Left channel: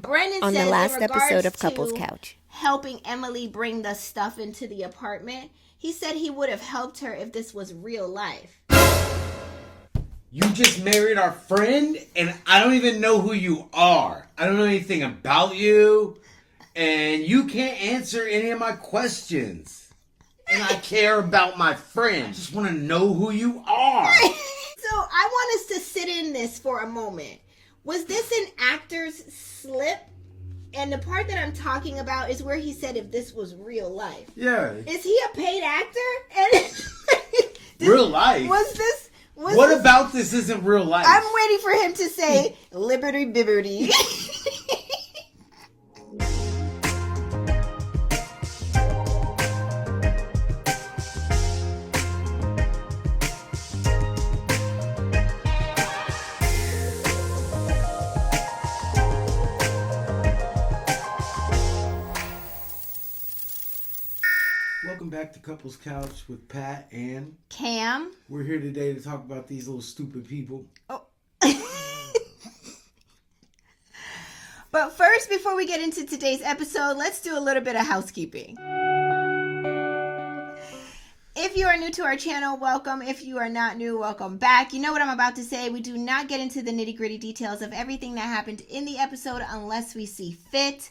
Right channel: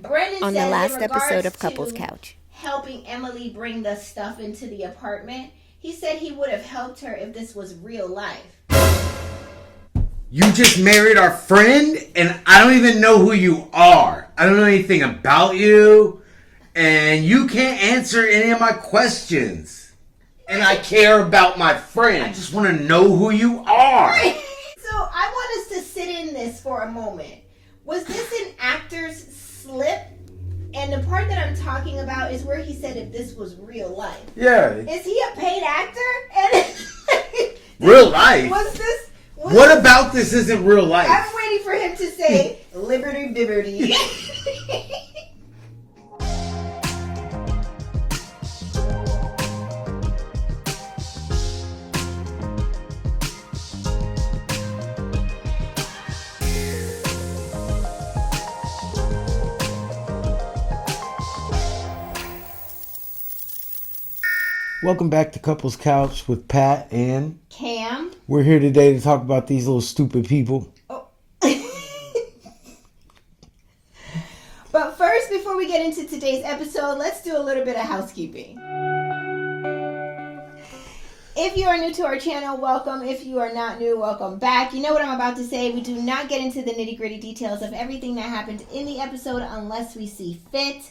Brendan On says the last in episode of regards Couples to Couch, helping Emily bring the stuff into the apartment, he said he would have helped her if this was real life. You just married our friend, and I don't even know who you are. I don't know anything about you, and you can't answer any of my questions. And I care about my friend. I just want to know who you are. So I want us to sit in this for a moment. Was this an actor's slip? And the part that I'm talking about is where he said if this was real life. Yeah. Is he a paid actor? And Real life? What about this isn't real life? I'm waiting for him to say liberty bibberty. Welcome back to Couples Couch with Pat and Cam. We're here today to talk about these little stupid people. Oh. But first, before we get into today's episode, let's do a little bit of housekeeping. If you are new to our channel, welcome. If you are not new, welcome back. You know what I'm about to say. We do not get into the nitty-gritty details of everything that happened in the episode unless we see fit.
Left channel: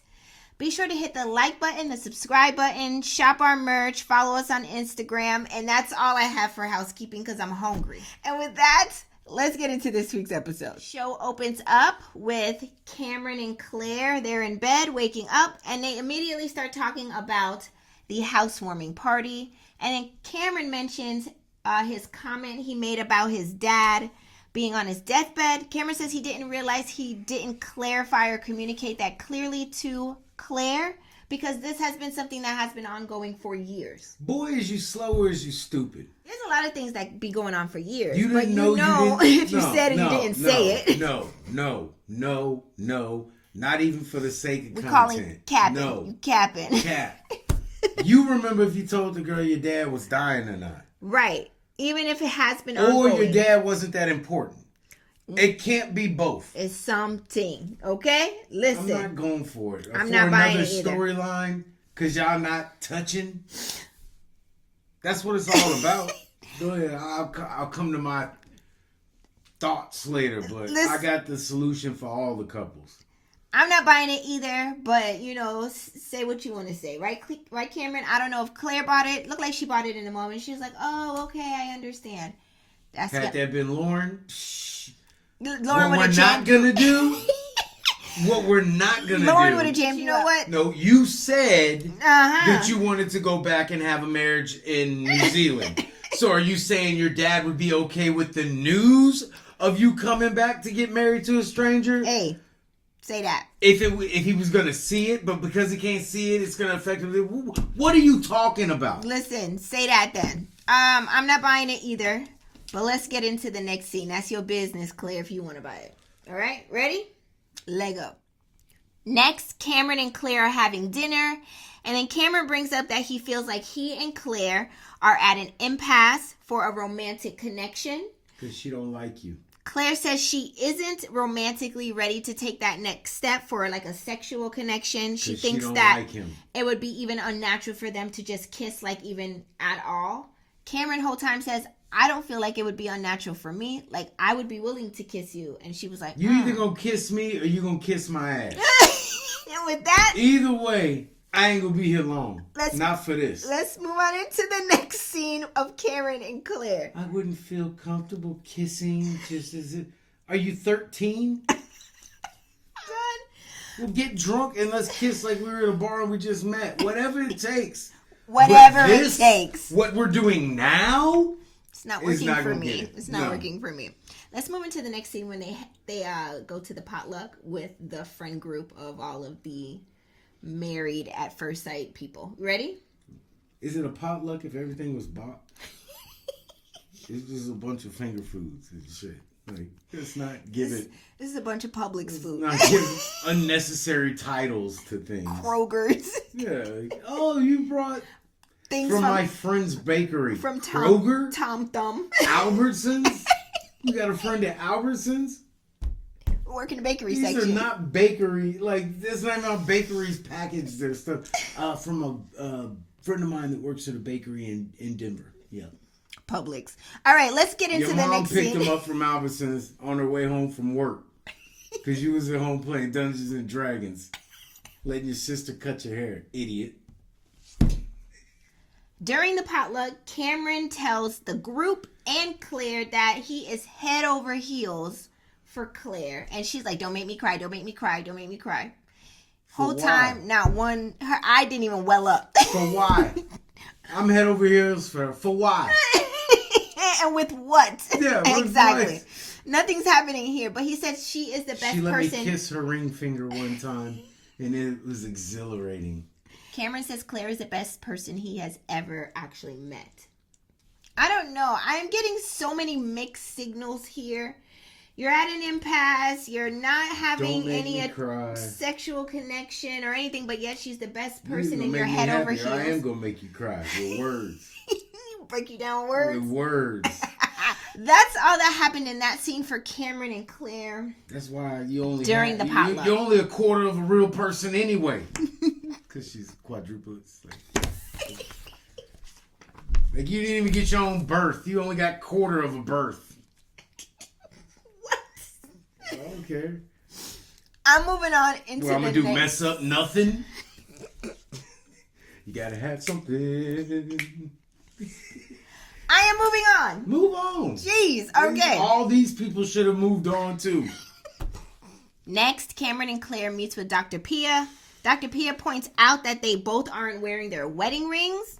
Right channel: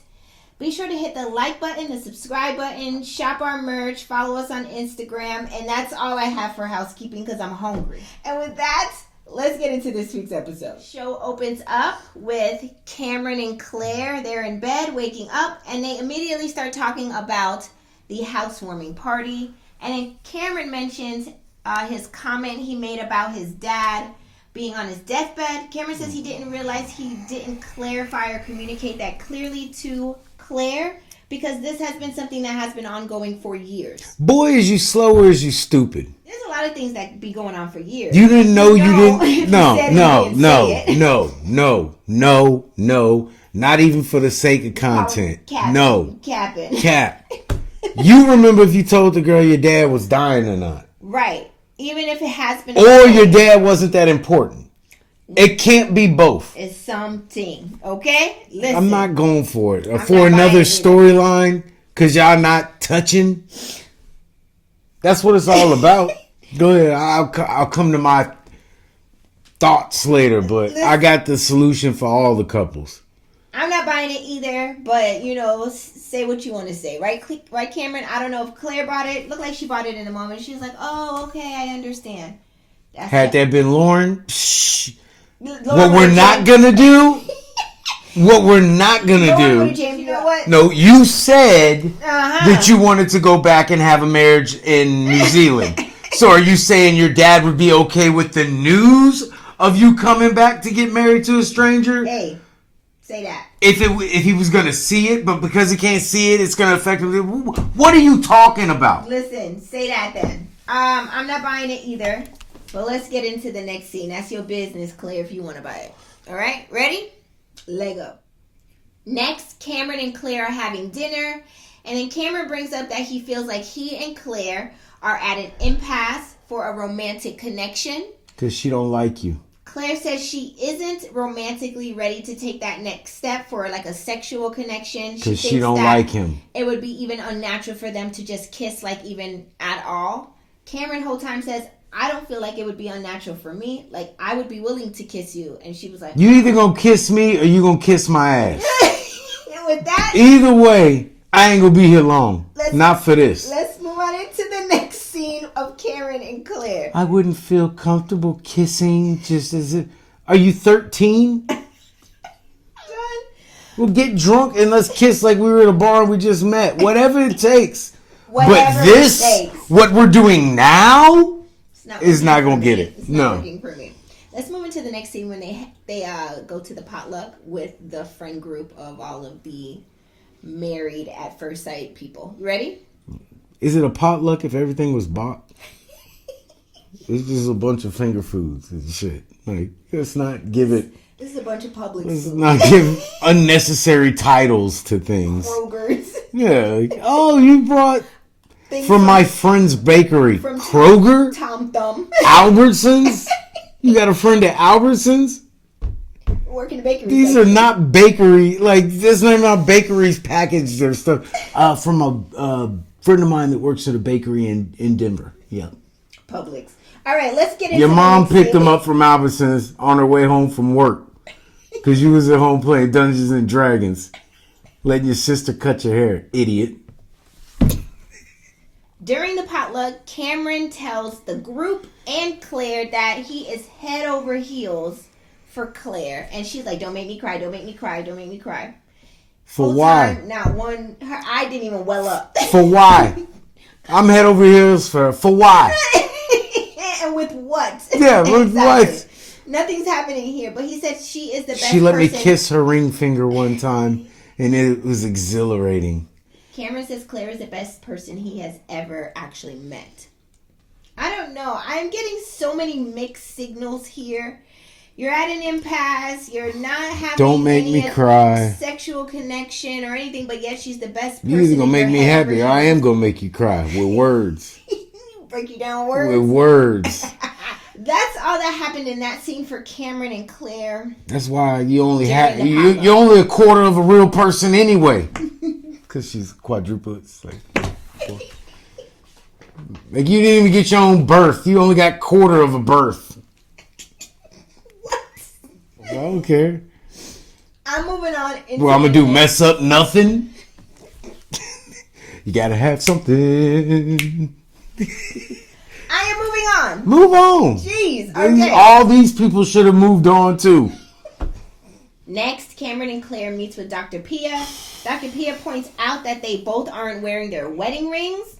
Be sure to hit the like button, the subscribe button, shop our merch, follow us on Instagram, and that's all I have for housekeeping because I'm hungry. And with that, let's get into this week's episode. Show opens up with Cameron and Claire. They're in bed, waking up, and they immediately start talking about the housewarming party. And then Cameron mentions his comment he made about his dad being on his deathbed. Cameron says he didn't realize he didn't clarify or communicate that clearly to Claire because this has been something that has been ongoing for years. Boy, is you slow or is you stupid? There's a lot of things that be going on for years. You didn't know you didn't. No. Not even for the sake of content. Capping. Cap. You remember if you told the girl your dad was dying or not. Right. Even if it has been. Or your dad wasn't that important. It can't be both. It's something. Okay? Listen. I'm not going for it. Or for another storyline. Because y'all not touching. That's what it's all about. Go ahead. I'll come to my thoughts later. But I got the solution for all the couples. I'm not buying it either. But, say what you want to say. Right, Cameron? I don't know if Claire bought it. Looked like she bought it in a moment. She was like, oh, okay, I understand. Had that been Lauren, what we're not going to do, you know what? No, you said that you wanted to go back and have a marriage in New Zealand. So are you saying your dad would be okay with the news of you coming back to get married to a stranger? Hey. Say that. If he was going to see it, but because he can't see it, it's going to affect him. What are you talking about? Listen, say that then. I'm not buying it either. But let's get into the next scene. That's your business, Claire, if you want to buy it. All right? Ready? Lego. Next, Cameron and Claire are having dinner. And then Cameron brings up that he feels like he and Claire are at an impasse for a romantic connection. Because she don't like you. Claire says she isn't romantically ready to take that next step for like a sexual connection. Because she don't like him. It would be even unnatural for them to just kiss like even at all. Cameron whole time says, I don't feel like it would be unnatural for me. Like I would be willing to kiss you. And she was like, you either gonna kiss me or you gonna kiss my ass. And with that, either way, I ain't gonna be here long. Not for this. Let's move on into the next scene of Cameron and Claire. I wouldn't feel comfortable kissing just as it. Are you 13? We'll get drunk and let's kiss like we were at a bar and we just met. Whatever it takes. Whatever it takes. What we're doing now, is not going to get it. It's not working for me. Let's move into the next scene when they go to the potluck with the friend group of all of the married at first sight people. Ready? Is it a potluck if everything was bought? It's just a bunch of finger foods and shit. Like, let's not give it. This is a bunch of public Let's food. not give unnecessary titles to things. Kroger's. Yeah. Like, oh, you brought from my friend's bakery. From Kroger? Tom Thumb. Albertsons? You got a friend at Albertsons? work in the bakery These section. are not bakery. Like, this is not bakeries packaged or stuff. From a friend of mine that works at a bakery in Denver. Yeah. Publix. All right, let's get into your mom the picked them up from Albertsons on her way home from work because you was at home playing Dungeons and Dragons, letting your sister cut your hair, idiot. During the potluck, Cameron tells the group and Claire that he is head over heels for Claire, and she's like, "Don't make me cry! Don't make me cry! Don't make me cry!" For Full why? Time, not one. Her eye didn't even well up. For why? I'm head over heels for why? And with what? Yeah, with exactly. what? Nothing's happening here, but he said she is the best She let person. me kiss her ring finger one time, and it was exhilarating. Cameron says Claire is the best person he has ever actually met. I don't know. I'm getting so many mixed signals here. You're at an impasse. You're not having Don't make me cry. Sexual connection or anything, but yet she's the best person. You're either going to make me happy or I am going to make you cry with words. Break you down words? With words. That's all that happened in that scene for Cameron and Claire. That's why you only have you're only a quarter of a real person anyway. Because she's quadruplets. Like you didn't even get your own birth. You only got quarter of a birth. What? I don't care. I'm moving on. Well, I'm going to do mess up nothing. You got to have something. I am moving on. Move on. Jeez. Okay. All these people should have moved on too. Next, Cameron and Claire meets with Dr. Pia. Dr. Pia points out that they both aren't wearing their wedding rings.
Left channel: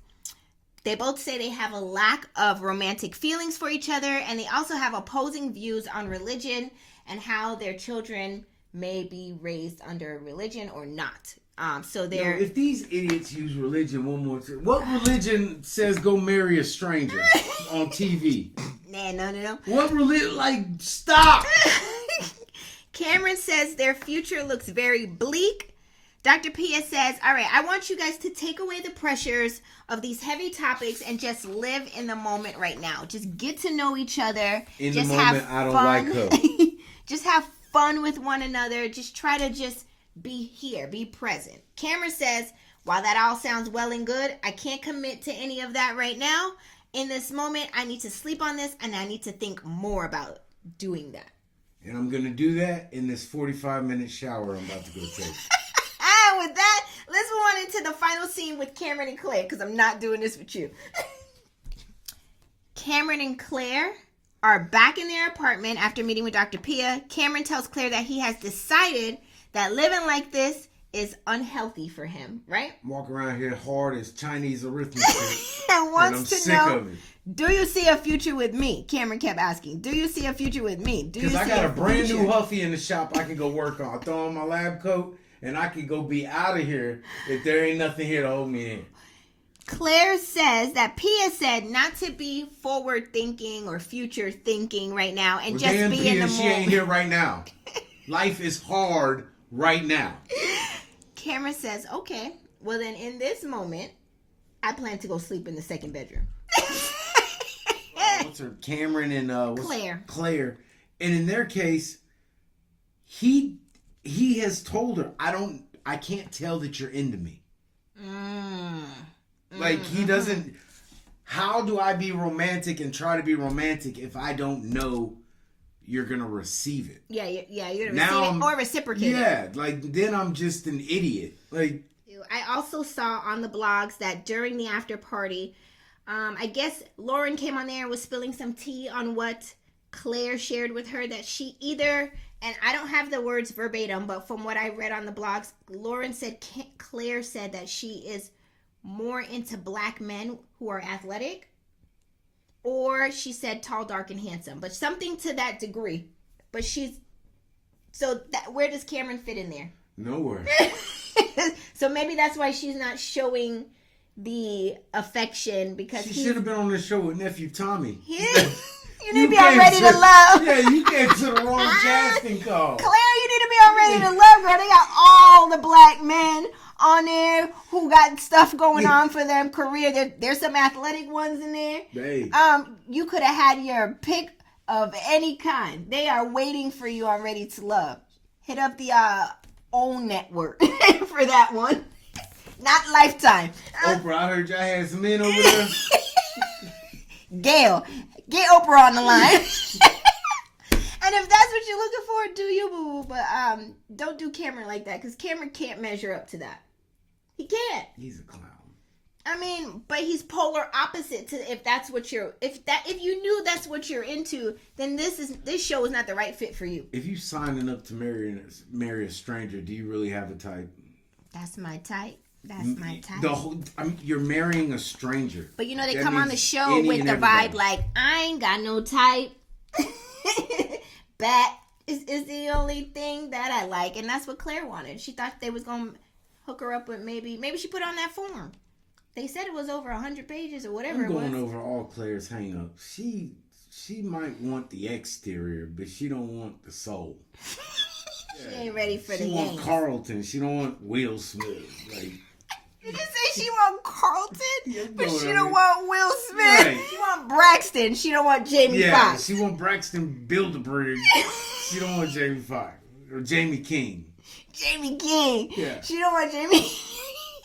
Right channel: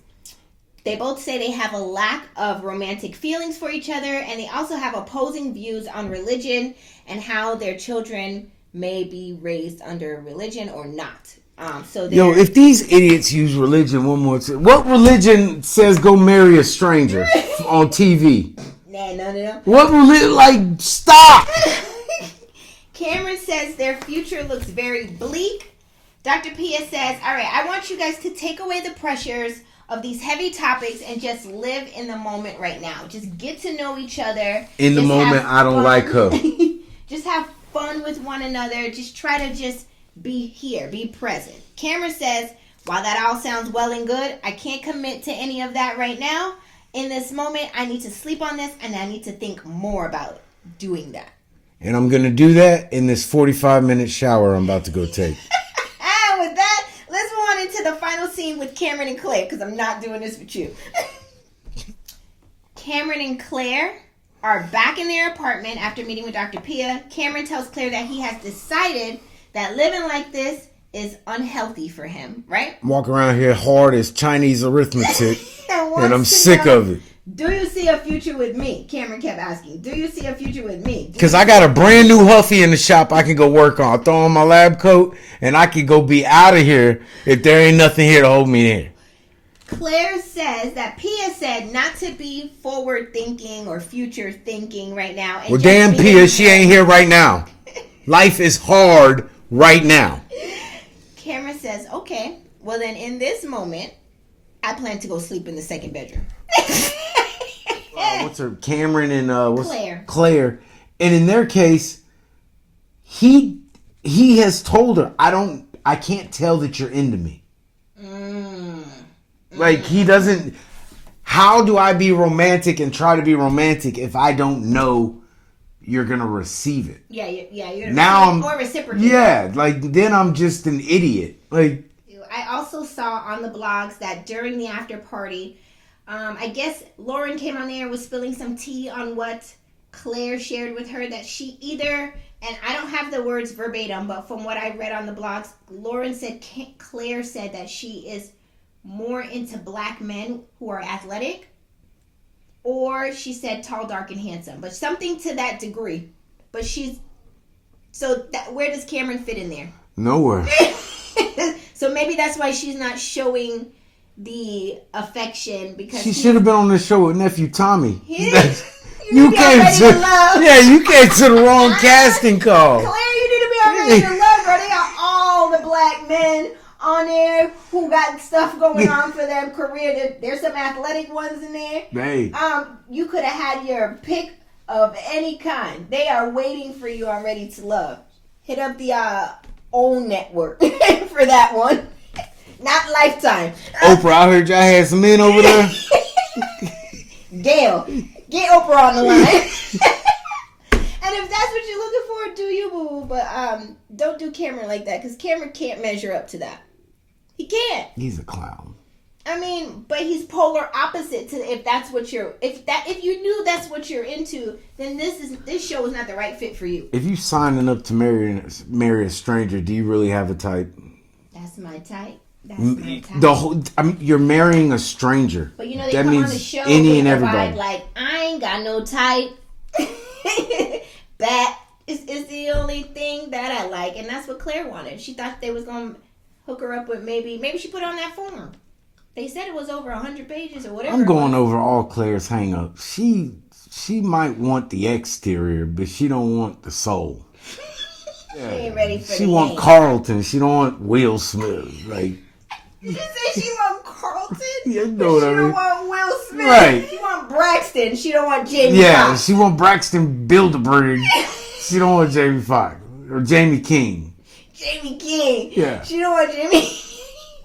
They both say they have a lack of romantic feelings for each other, and they also have opposing views on religion and how their children may be raised under religion or not. Yo, if these idiots use religion one more time, what religion says go marry a stranger on TV? No. What religion? Like, stop! Cameron says their future looks very bleak. Dr. Pia says, all right, I want you guys to take away the pressures of these heavy topics and just live in the moment right now. Just get to know each other. In the moment, I don't like her. Just have fun with one another. Just try to just be here, be present. Cameron says, while that all sounds well and good, I can't commit to any of that right now. In this moment, I need to sleep on this and I need to think more about doing that. And I'm going to do that in this 45-minute shower I'm about to go take. And with that, let's move on into the final scene with Cameron and Claire, because I'm not doing this with you. Cameron and Claire are back in their apartment after meeting with Dr. Pia. Cameron tells Claire that he has decided that living like this is unhealthy for him, right? I'm walking around here hard as Chinese arithmetic, and I'm sick of it. Do you see a future with me? Cameron kept asking. Do you see a future with me? Because I got a brand new Huffy in the shop I can go work on. I throw on my lab coat, and I can go be out of here if there ain't nothing here to hold me in. Claire says that Pia said not to be forward thinking or future thinking right now. And well, damn Pia, she ain't here right now. Life is hard right now. Cameron says, okay, well then in this moment, I plan to go sleep in the second bedroom. What's her? Cameron and Claire. Claire. And in their case, he has told her, I can't tell that you're into me. Like he doesn't. How do I be romantic and try to be romantic if I don't know you're gonna receive it? Yeah. You're now or reciprocate. Yeah, like then I'm just an idiot. Like I also saw on the blogs that during the after party, I guess Lauren came on there and was spilling some tea on what Claire shared with her, that she either, and I don't have the words verbatim, but from what I read on the blogs, Lauren said Claire said that she is more into black men who are athletic, or she said tall, dark, and handsome, but something to that degree. But where does Cameron fit in there? Nowhere. So maybe that's why she's not showing the affection, because she should have been on the show with nephew Tommy. You came to the wrong casting call. Claire, you need to be on Ready to Love, bro. They got all the black men on there who got stuff going on for their career. There's some athletic ones in there. Hey. You could have had your pick of any kind. They are waiting for you on Ready to Love. Hit up the OWN network for that one. Not Lifetime. Oprah, I heard y'all had some men over there. Gail, get Oprah on the line. And if that's what you're looking for, do you, boo? But don't do Cameron like that, because Cameron can't measure up to that. He can't. He's a clown. I mean, but he's polar opposite to if that's what you're if you knew that's what you're into, then this show is not the right fit for you. If you signing up to marry a stranger, do you really have a type? That's my type. That's my type. You're marrying a stranger. But you know, they come on the show with a vibe like, I ain't got no type. That is the only thing that I like. And that's what Claire wanted. She thought they was going to hook her up with maybe she put on that form. They said it was over 100 pages or whatever. I'm going over all Claire's hang-ups. She might want the exterior, but she don't want the soul. She ain't ready for She want Carlton. She don't want Will Smith. Like, you say she want Carlton, yeah, but she don't want Will Smith. Right. She want Braxton. She don't want Jamie Foxx. She want Braxton Bilderberg. She don't want Jamie Foxx or Jamie King. Jamie King. Yeah. She don't want Jamie.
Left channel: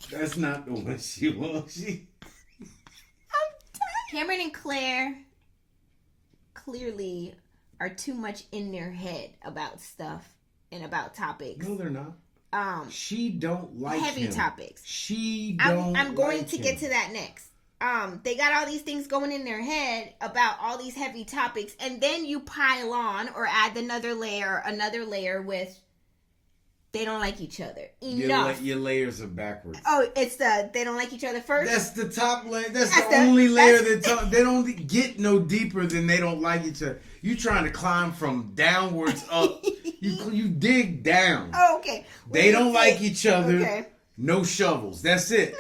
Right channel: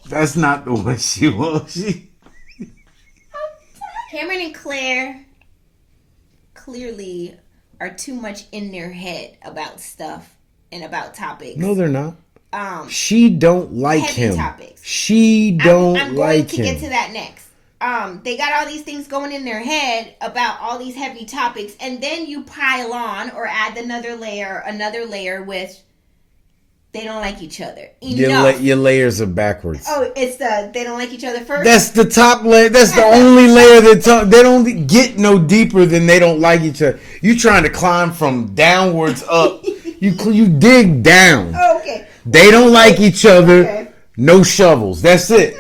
That's not the one she wants. Cameron and Claire clearly are too much in their head about stuff and about topics. No, they're not. She don't like him. Topics. She don't I'm like going to him. get to that next. They got all these things going in their head about all these heavy topics, and then you pile on or add another layer with they don't like each other. Your layers are backwards. Oh, it's they don't like each other first? That's the top layer. That's the only layer they don't get no deeper than they don't like each other. You trying to climb from downwards up. You dig down. Oh, okay. They don't like each other. Okay. No shovels. That's it.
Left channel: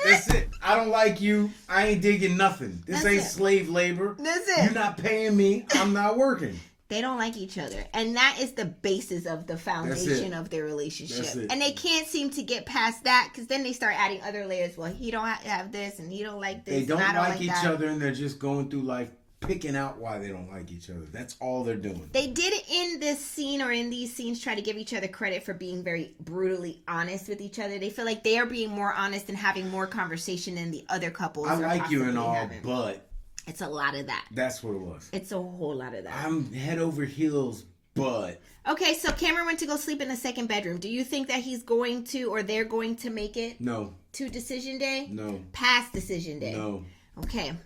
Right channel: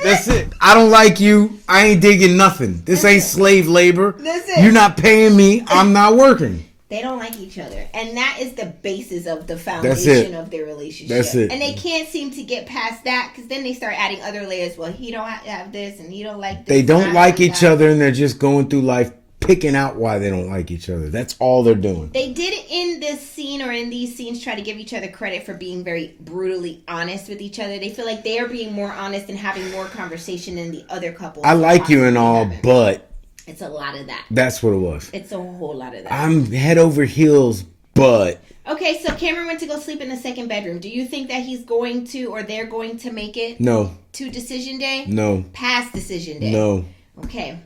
I don't like you. I ain't digging nothing. This ain't slave labor. That's it. You're not paying me. I'm not working. They don't like each other. And that is the basis of the foundation of their relationship. That's it. And they can't seem to get past that, because then they start adding other layers. Well, he don't have this and he don't like this. They don't like each other, and they're just going through life picking out why they don't like each other. That's all they're doing. They did in this scene or in these scenes try to give each other credit for being very brutally honest with each other. They feel like they are being more honest and having more conversation than the other couples. I like you and all, but it's a lot of that. That's what it was. It's a whole lot of that. I'm head over heels, but... Okay, so Cameron went to go sleep in the second bedroom. Do you think that he's going to, or they're going to make it? No. To decision day? No. Past decision day? No. Okay.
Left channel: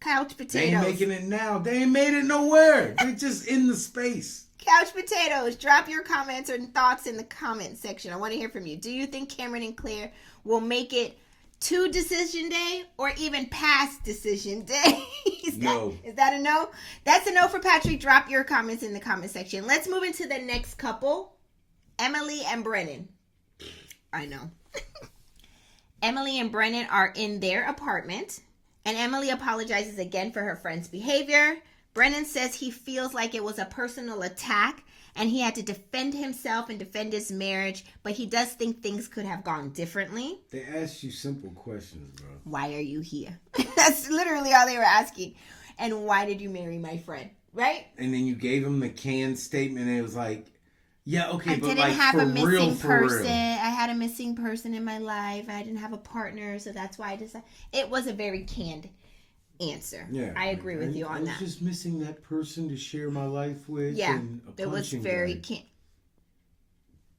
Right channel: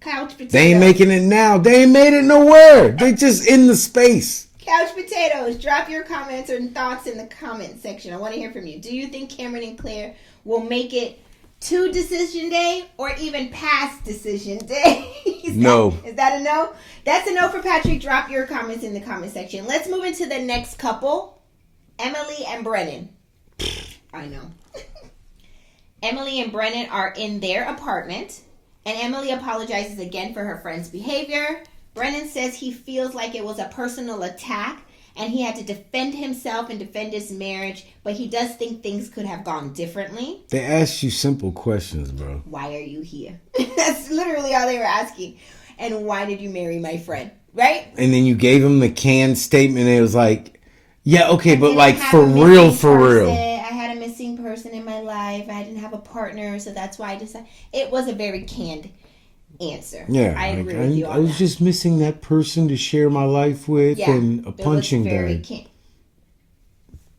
Couch potatoes. They ain't making it now. They ain't made it nowhere. They just in the space. Couch potatoes. Drop your comments and thoughts in the comment section. I want to hear from you. Do you think Cameron and Claire will make it to decision day or even past decision day? No. Is that a no? That's a no for Patrick. Drop your comments in the comment section. Let's move into the next couple. Emily and Brennan. I know. Emily and Brennan are in their apartment, and Emily apologizes again for her friend's behavior. Brennan says he feels like it was a personal attack and he had to defend himself and defend his marriage, but he does think things could have gone differently. They asked you simple questions, bro. Why are you here? That's literally all they were asking. And why did you marry my friend? Right? And then you gave him the canned statement and it was like, yeah, okay, but like for real. I had a missing person in my life. I didn't have a partner, so that's why I decided. It was a very canned answer. Yeah, I agree with you on I was just missing that person to share my life with, and a punching bag.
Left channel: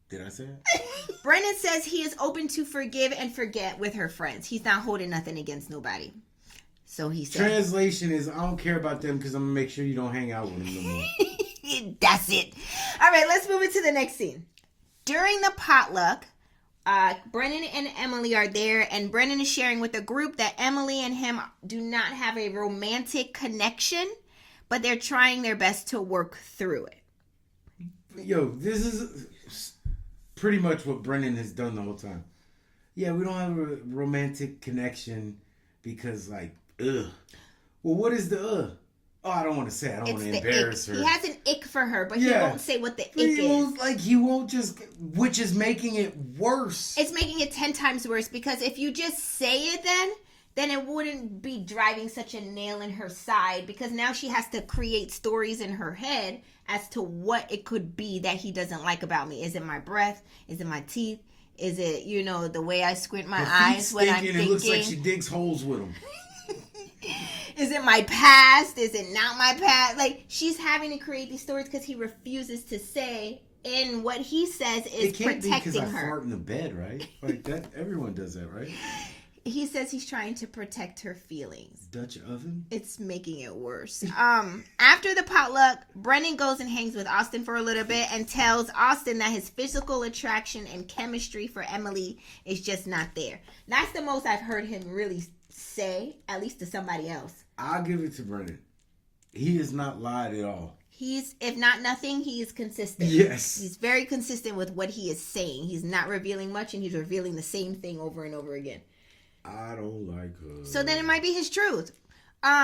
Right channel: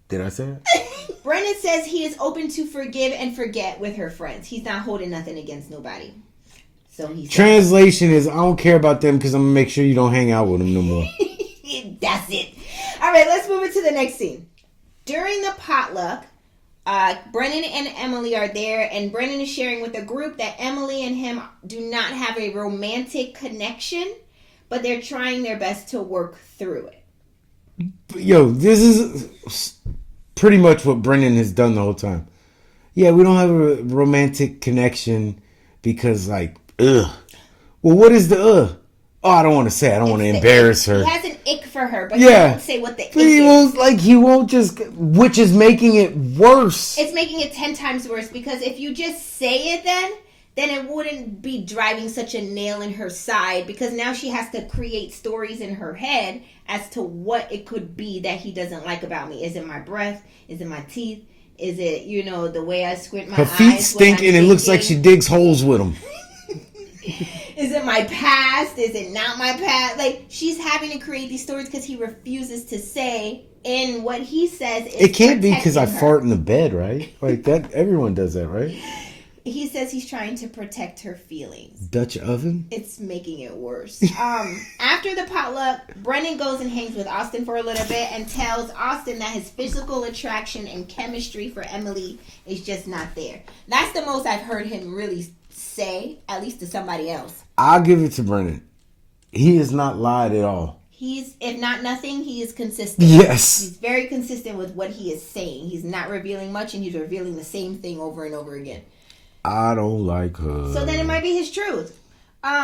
Did I say it? Brennan says he is open to forgive and forget with her friends. He's not holding nothing against nobody. So he's translation is I don't care about them because I'm gonna make sure you don't hang out with them no more. That's it. All right, let's move into the next scene. During the potluck, Brennan and Emily are there, and Brennan is sharing with the group that Emily and him do not have a romantic connection, but they're trying their best to work through it. Yo, this is pretty much what Brennan has done the whole time. Yeah, we don't have a romantic connection because, like, ugh. Well, what is the ugh? Oh, I don't want to say. I don't want to embarrass her. He has an ick for her, but he won't say what the ick is. He won't just, which is making it worse. It's making it 10 times worse because if you just say it then it wouldn't be driving such a nail in her side, because now she has to create stories in her head as to what it could be that he doesn't like about me. Is it my breath? Is it my teeth? Is it, the way I squint my eyes? Her feet stink and it looks like she digs holes with them. Is it my past? Is it not my past? Like, she's having to create these stories because he refuses to say in what he says is it can't be because I fart in the bed, right? Like that, everyone does that, right? He says he's trying to protect her feelings. Dutch oven? It's making it worse. After the potluck, Brennan goes and hangs with Austin for a little bit and tells Austin that his physical attraction and chemistry for Emily is just not there. That's the most I've heard him really say, at least to somebody else. I'll give it to Brennan. He has not lied at all. He's, if not nothing, he is consistent. Yes. He's very consistent with what he is saying. He's not revealing much, and he's revealing the same thing over and over again. I don't like her. So then it might be his truth.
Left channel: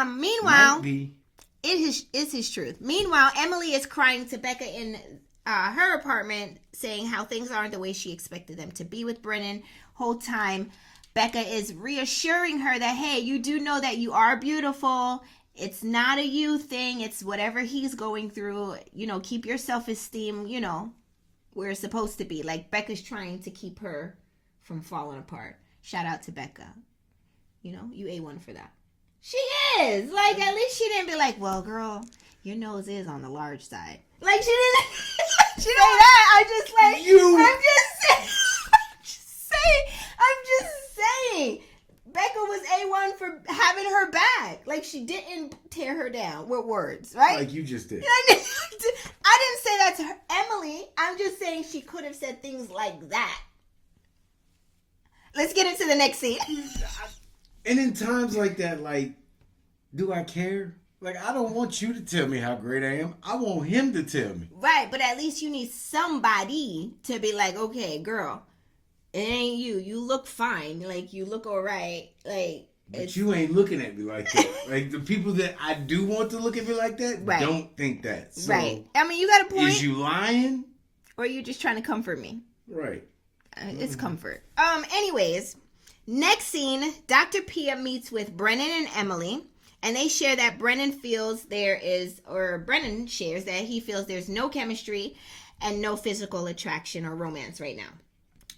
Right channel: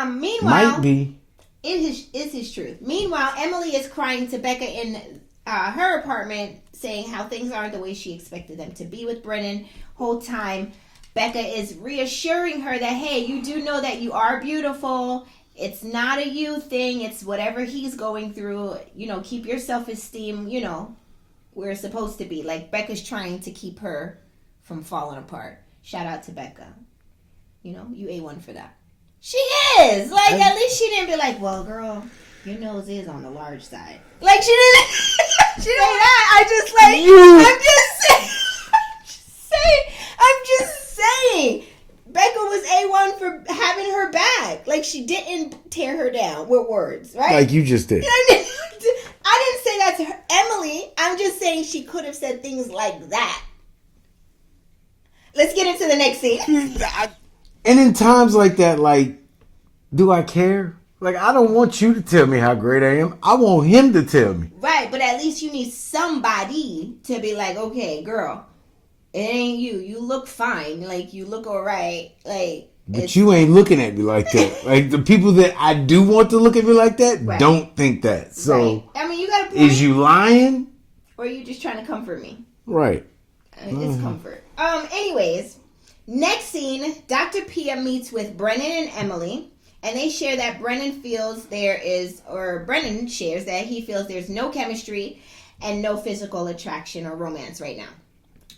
Meanwhile, might be. It is his truth. Meanwhile, Emily is crying to Becca in her apartment, saying how things aren't the way she expected them to be with Brennan. Whole time, Becca is reassuring her that, hey, you do know that you are beautiful. It's not a you thing. It's whatever he's going through. Keep your self-esteem, where it's supposed to be. Like, Becca's trying to keep her from falling apart. Shout out to Becca. You A1 for that. She is. Like, at least she didn't be like, well, girl, your nose is on the large side. Like, she didn't. She didn't that. I'm just saying. Becca was A1 for having her back. Like, she didn't tear her down with words, right? Like you just did. I didn't say that to her. Emily, I'm just saying she could have said things like that. Let's get into the next scene. And in times like that, like, do I care? Like, I don't want you to tell me how great I am. I want him to tell me. Right, but at least you need somebody to be like, okay, girl, it ain't you. You look fine. Like, you look all right. Like, but you ain't looking at me like that. Like, the people that I do want to look at me like that don't think that. So, right. I mean, you got a point. Is you lying? Or are you just trying to comfort me? Right. It's comfort. Anyways, next scene, Dr. Pia meets with Brennan and Emily, and they share that Brennan shares that he feels there's no chemistry and no physical attraction or romance right now.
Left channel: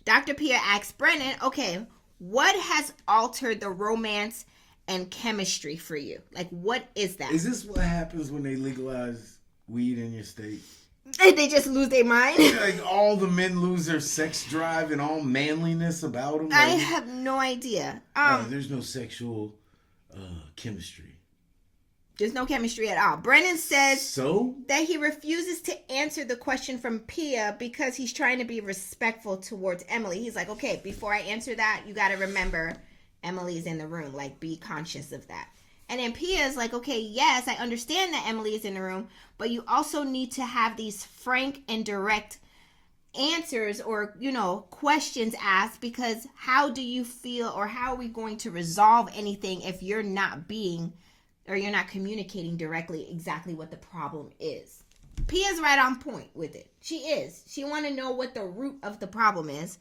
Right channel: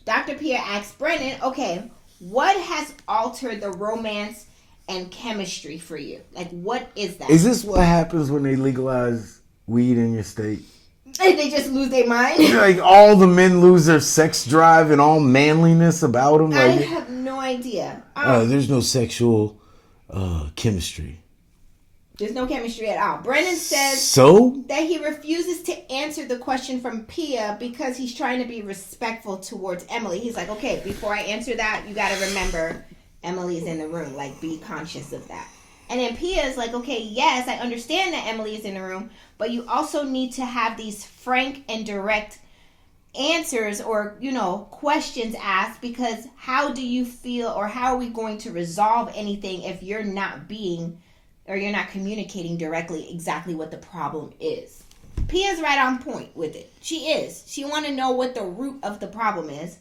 Dr. Pia asks Brennan, okay, what has altered the romance and chemistry for you? Like, what is that? Is this what happens when they legalize weed in your state? And they just lose their mind? Like, all the men lose their sex drive and all manliness about them? Like, I have no idea. There's no sexual chemistry. There's no chemistry at all. Brennan says that he refuses to answer the question from Pia because he's trying to be respectful towards Emily. He's like, okay, before I answer that, you got to remember Emily's in the room. Like, be conscious of that. And then Pia's like, okay, yes, I understand that Emily is in the room, but you also need to have these frank and direct answers or, questions asked, because how do you feel, or how are we going to resolve anything if you're not communicating directly exactly what the problem is? Pia's right on point with it. She is. She want to know what the root of the problem is.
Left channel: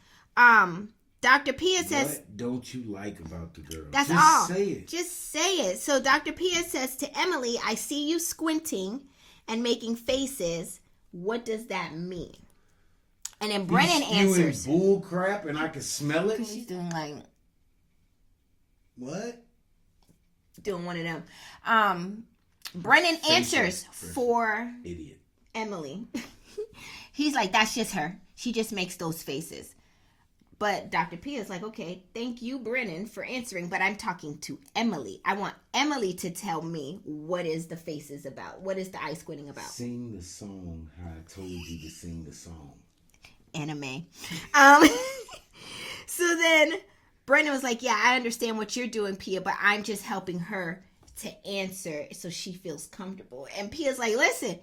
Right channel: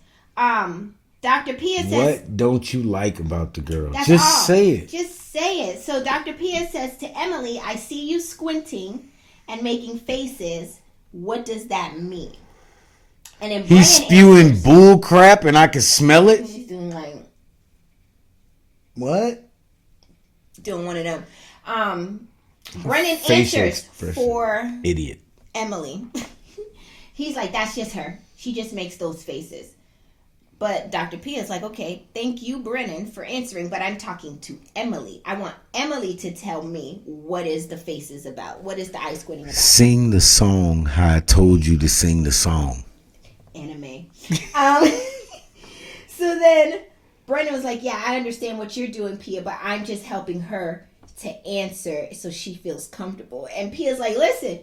Dr. Pia says... What don't you like about the girl? That's Just all. say it. Just say it. So Dr. Pia says to Emily, I see you squinting and making faces. What does that mean? And then he's spewing bull crap and I can smell it? She's doing like... What? Doing one of them. Brennan answers for idiot Emily. He's like, that's just her. She just makes those faces. But Dr. P is like, okay, thank you, Brennan, for answering, but I'm talking to Emily. I want Emily to tell me what is the faces about. What is the eye squinting about? Sing the song how I told you to sing the song. Anime. So then Brennan was like, yeah, I understand what you're doing, Pia, but I'm just helping her to answer so she feels comfortable. And Pia's like, listen,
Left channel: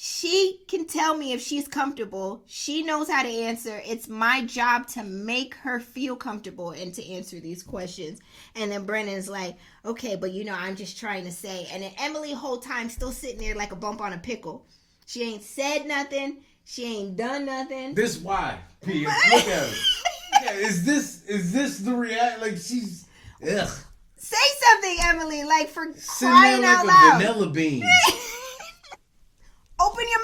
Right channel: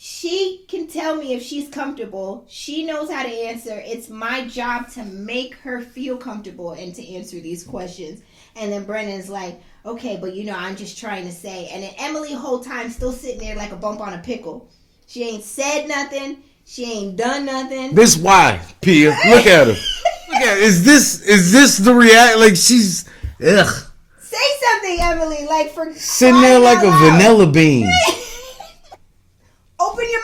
she can tell me if she's comfortable. She knows how to answer. It's my job to make her feel comfortable and to answer these questions. And then Brennan's like, okay, but I'm just trying to say. And then Emily whole time still sitting there like a bump on a pickle. She ain't said nothing. She ain't done nothing. This why, Pia. Look at her. Look at her. Is this the react? Like, she's ugh. Say something, Emily. Like, for sitting there like a vanilla bean. Open your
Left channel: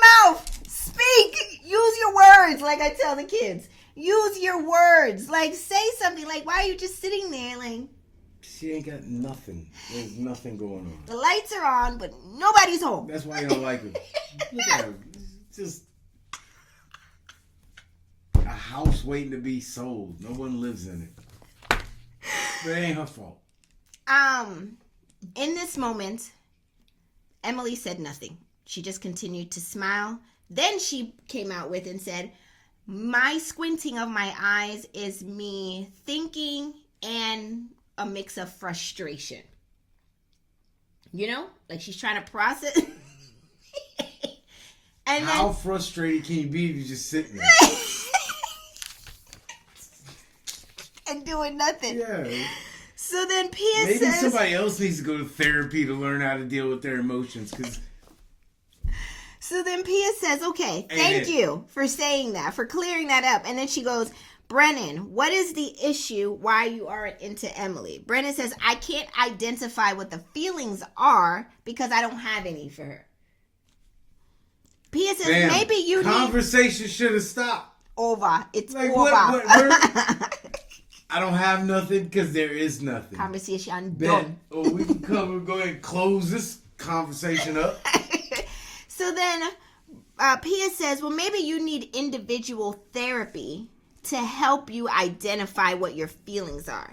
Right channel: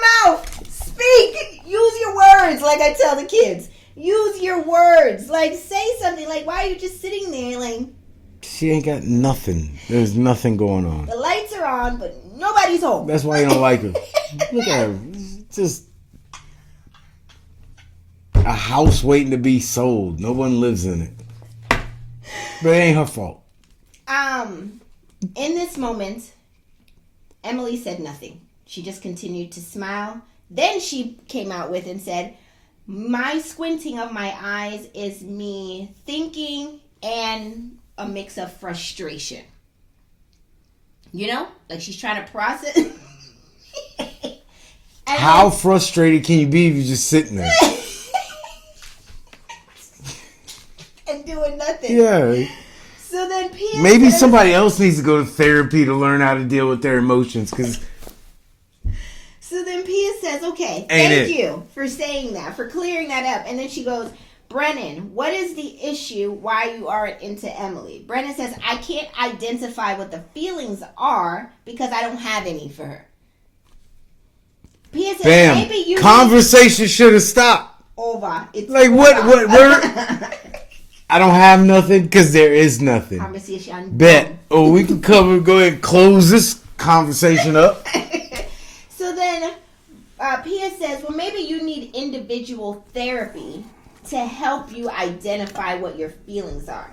like I tell the kids. Use your words. Like, say something. Like, why are you just sitting there? Like, she ain't got nothing. There's nothing going on. The lights are on, but nobody's home. That's why you don't like her. Look at her. Just a house waiting to be sold. No one lives in it. But it ain't her fault. In this moment, Emily said nothing. She just continued to smile. Then she came out with and said, my squinting of my eyes is me thinking and a mix of frustration. You know? Like she's trying to process. How frustrated can you be if you're just sitting there? And doing nothing. Yeah. So then Pia maybe says, somebody else needs to go to therapy to learn how to deal with their emotions. So then Pia says, okay, thank you for saying that, for clearing that up. And then she goes, Brennan, what is the issue why you aren't into Emily? Brennan says, I can't identify what the feelings are because I don't have any for her. Pia says, bam. Maybe you conversation should have stopped. Over. It's like over. What I don't have nothing because there is nothing. Conversation. Bet. Oh, we can go ahead and close this conversation up. So then Pia says, well, maybe you need individual therapy to help you identify what your feelings are.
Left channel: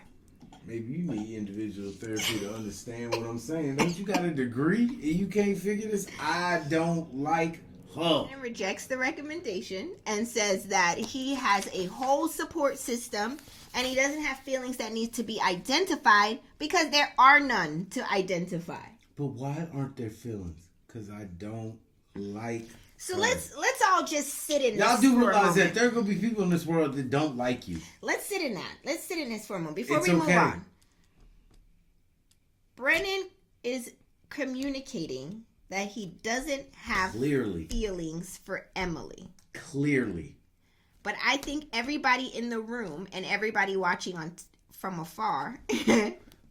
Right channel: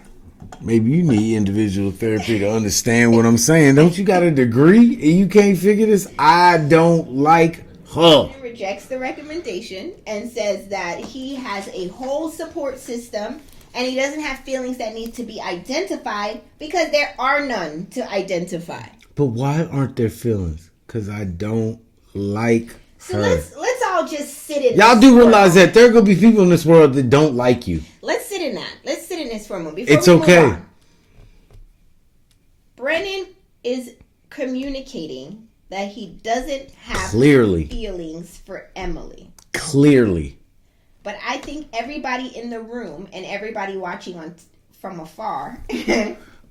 Maybe you need individual therapy to understand what I'm saying. Don't you got a degree and you can't figure this? I don't like her. He rejects the recommendation and says that he has a whole support system and he doesn't have feelings that need to be identified because there are none to identify. But why aren't there feelings? Because I don't like her. So let's all just sit in Y'all this do realize that there are going to be people in this world that don't like you. Let's sit in that. Let's sit in this for a moment. It's okay. Brennan is communicating that he doesn't have feelings for Emily. Clearly. But I think everybody in the room and everybody watching from afar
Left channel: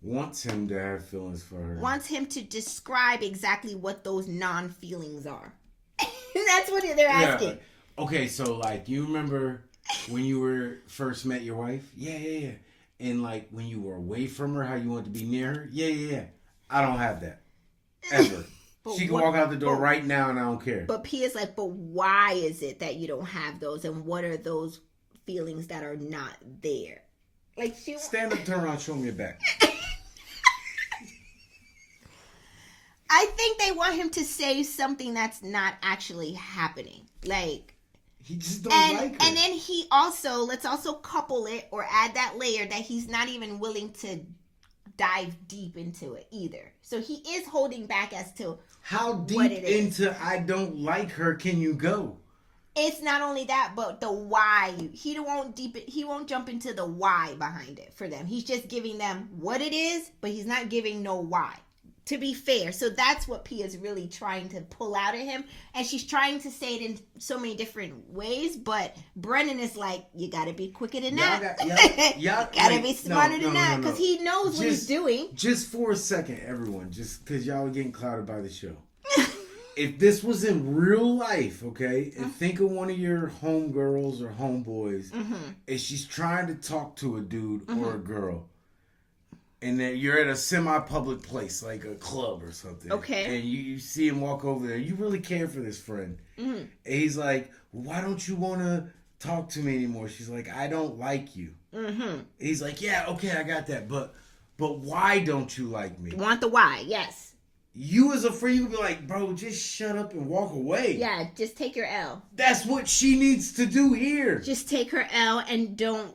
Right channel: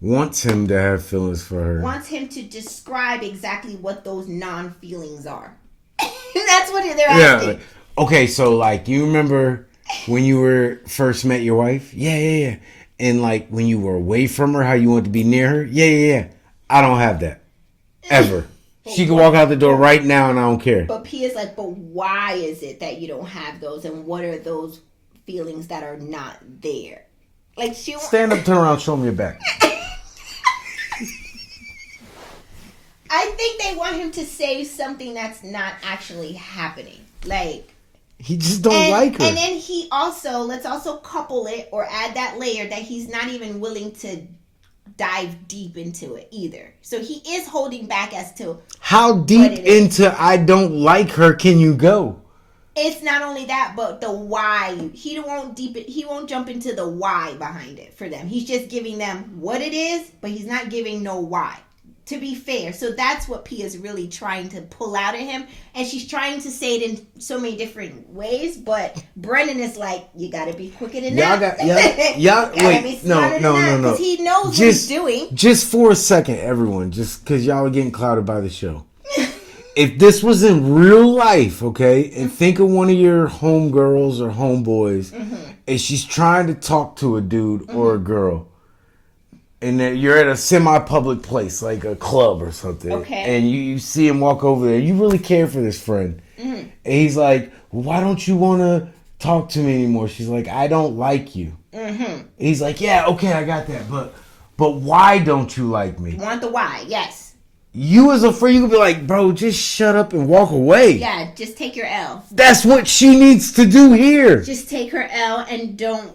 wants him to have feelings for her. Wants him to describe exactly what those non-feelings are. That's what they're asking. Yeah. Okay, so like you remember when you first met your wife? Yeah. And like when you were away from her, how you wanted to be near her? Yeah. I don't have that. Ever. She can walk out the door right now and I don't care. But Pia's like, but why is it that you don't have those? And what are those feelings that are not there? Like stand up, turn around, show me your back. I think they want him to say something that's not actually happening. Like he just don't like her. And then let's also couple it or add that layer that he's not even willing to dive deep into it either. So he is holding back as to how deep into I don't like her can you go? It's not only that, but the why. He won't jump into the why behind it for them. He's just giving them what it is, but he's not giving no why. To be fair. So that's what Pia's really trying to pull out of him. And she's trying to say it in so many different ways. But Brennan is like, you got to be quicker than that. Y'all wait. No. Because he knows what he's doing. Just for a second, everyone. Just because y'all are getting clouded by the show. If this was in real life, okay, and think of one of your homegirls or homeboys, and she's trying to talk to a dude or a girl, and you're at a semi-public place, like a club or something. Okay. And you see him walk over there. You really care for this friend. And he's like, well, why don't you want to talk to me anymore? She's like, I don't like you. And he's like, yeah, okay, I got that. But why don't you like me? Want the why, yes. You as a friend, you could be like, bro, just shut up and walk away. Yeah, just take your L. That's what she needs to do here. Just take her L and don't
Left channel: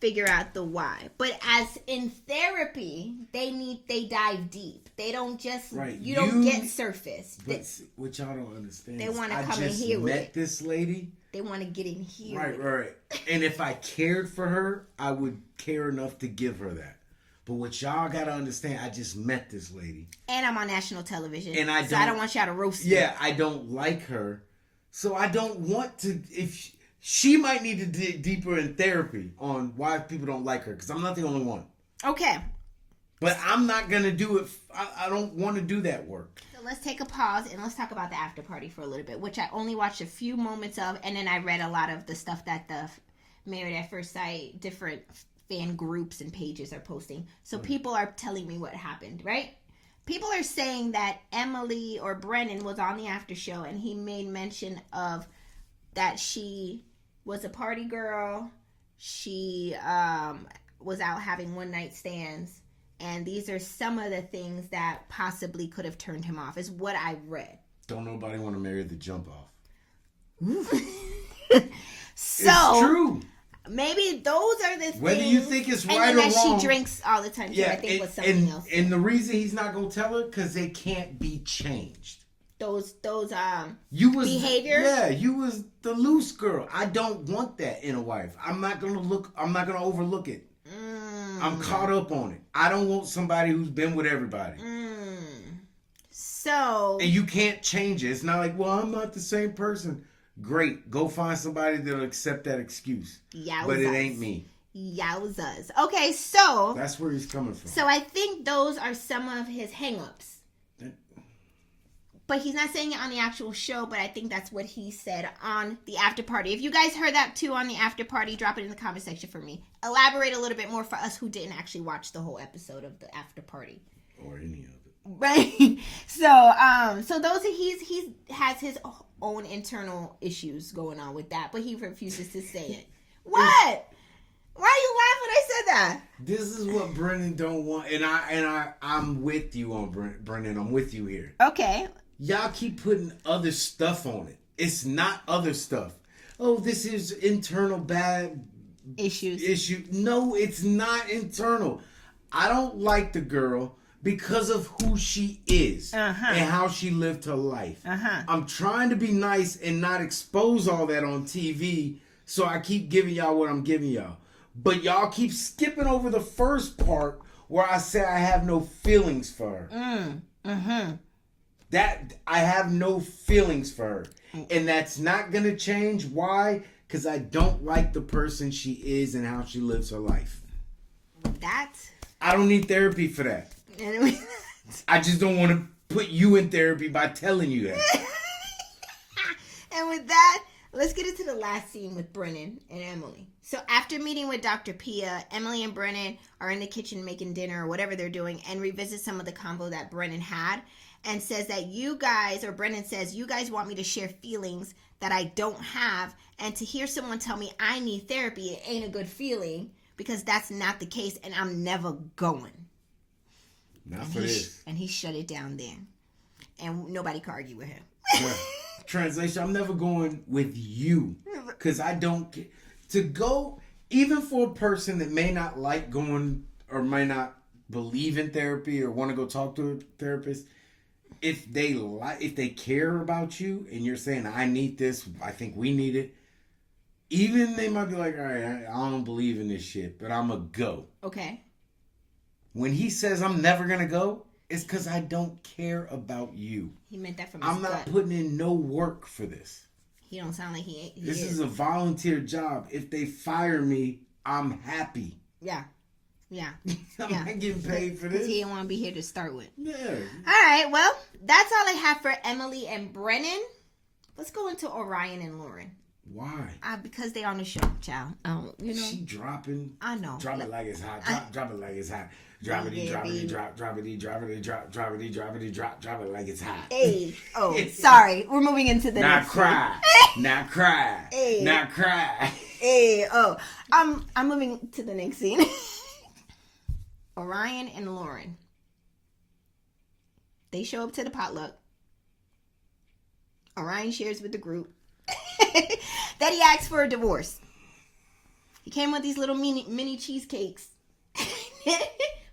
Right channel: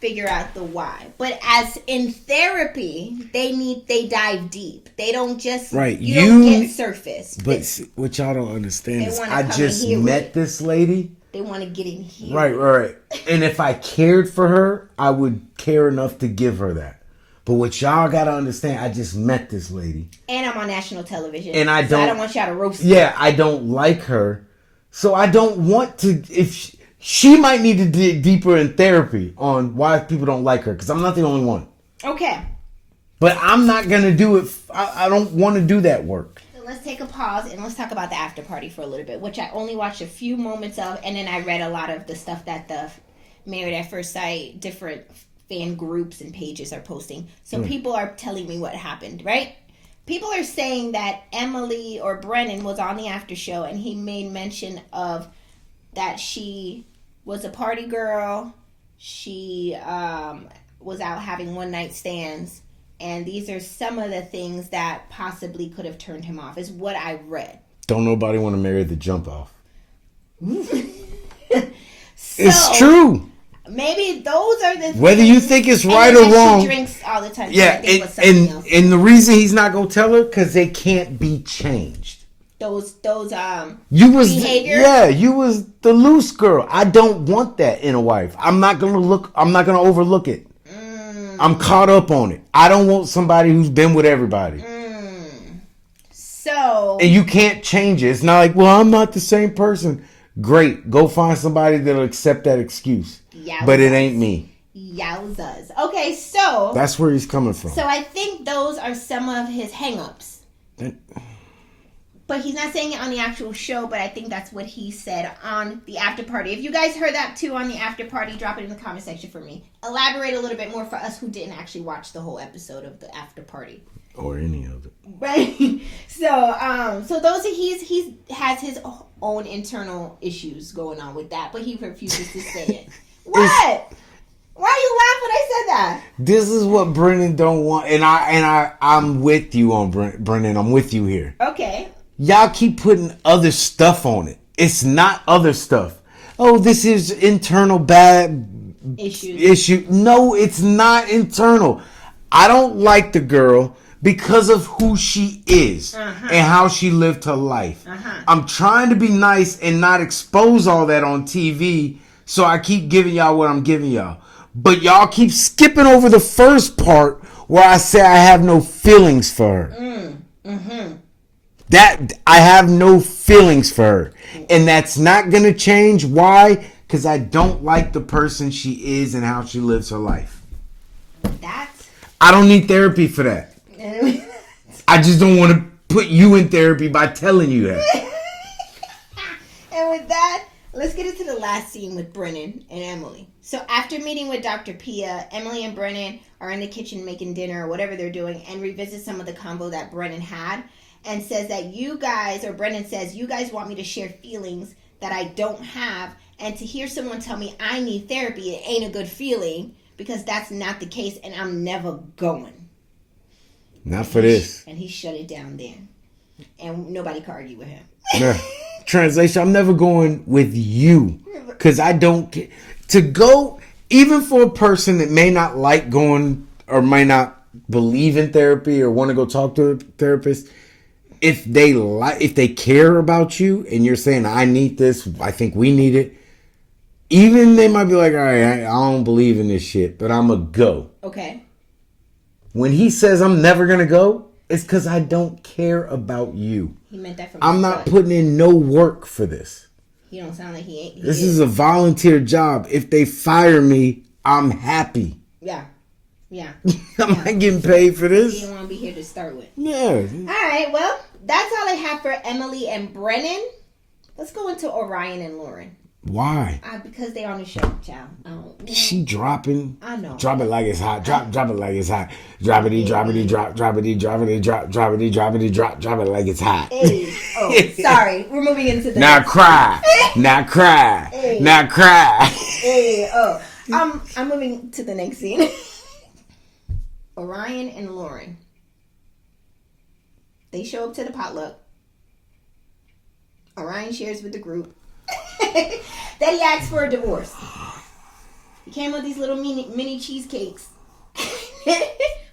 figure out the why. But as in therapy, they dive deep. They don't just don't get surface. But what y'all don't understand is I just met this lady. They want to get in here. Right. And if I cared for her, I would care enough to give her that. But what y'all gotta understand, I just met this lady. And I'm on national television. And I don't want y'all to roast me. Yeah, I don't like her. So I don't want to, she might need to dig deeper in therapy on why people don't like her. Because I'm not the only one. Okay. But I'm not going to do it. I don't want to do that work. So let's take a pause and let's talk about the after party for a little bit, which I only watched a few moments of, and then I read a lot of the stuff that the Married at First Sight different fan groups and pages are posting. So people are telling me what happened, right? People are saying that Emily or Brennan was on the after show and he made mention of that she was a party girl. She was out having one night stands. And these are some of the things that possibly could have turned him off, is what I read. Don't nobody want to marry the jump off. So, it's true. Maybe those are the whether things, you think it's right or wrong. She drinks all the time. Yeah, and the reason he's not gonna tell her because they can't be changed. Those you was behaviors? You was the loose girl. I don't want that in a wife. I'm not gonna overlook it. I'm caught up on it. I don't want somebody who's been with everybody. So and you can't change it. It's not like, well, I'm not the same person. Great, go find somebody that'll accept that excuse. Yowzas. But it ain't me. Yowzas. Okay, so that's where he's coming from. So I think those are some of his hang-ups. But he's not saying it on the actual show, but I think that's what he said on the after party. If you guys heard that too on the after party, drop it in the comment section for me. Elaborate a little bit more for us who didn't actually watch the whole episode of the after party. Or any of it. Right. So those he has his own internal issues going on with that, but he refuses to say it. What? Why are you laughing when I said that? This is what Brennan don't want, and I'm with you on Brennan. I'm with you here. Okay. Y'all keep putting other stuff on it. It's not other stuff. Oh, this is internal bad issue. No, it's not internal. I don't like the girl because of who she is and how she lived her life. I'm trying to be nice and not expose all that on TV, so I keep giving y'all what I'm giving y'all. But y'all keep skipping over the first part where I say I have no feelings for her. That I have no feelings for her. And that's not going to change. Why? Because I don't like the person she is and how she lives her life. I don't need therapy for that. I just don't want to put you in therapy by telling you that. And with that, let's get into the last scene with Brennan and Emily. So after meeting with Dr. Pia, Emily and Brennan are in the kitchen making dinner or whatever they're doing and revisit some of the convo that Brennan had. And says that Brennan says, you guys want me to share feelings that I don't have. And to hear someone tell me I need therapy, it ain't a good feeling because that's not the case and I'm never going. Not for this. And he shut it down then. And nobody could argue with him. Yeah. Translation, I'm never going with you. Because I don't care. To go, even for a person that may not like going or may not believe in therapy or want to go talk to a therapist, if they care about you and you're saying, I need this, I think we need it, even they might be like, all right, I don't believe in this shit, but I'm going to go. Okay. When he says I'm never going to go, it's because I don't care about you. He meant that from I'm not putting in no work for this. He don't sound like he ain't. This is a volunteer job. If they fire me, I'm happy. Yeah. I'm not getting paid for this. You don't want to be here to start with. Yeah. All right, well, that's all I have for Emily and Brennan. Let's go into Orion and Lauren. Why? Because they on the show, child. She dropping. I know. Drop it like it's hot. Drop it like it's hot. Drop it, drop it, drop it, drop it, drop it like it's hot. Hey. Oh, sorry. We're moving into the now cry. Now cry. Hey. Now cry. Hey, oh. I'm moving to the next scene. Orion and Lauren. They show up to the potluck. Orion shares with the group that he asked for a divorce. He came with these little mini cheesecakes,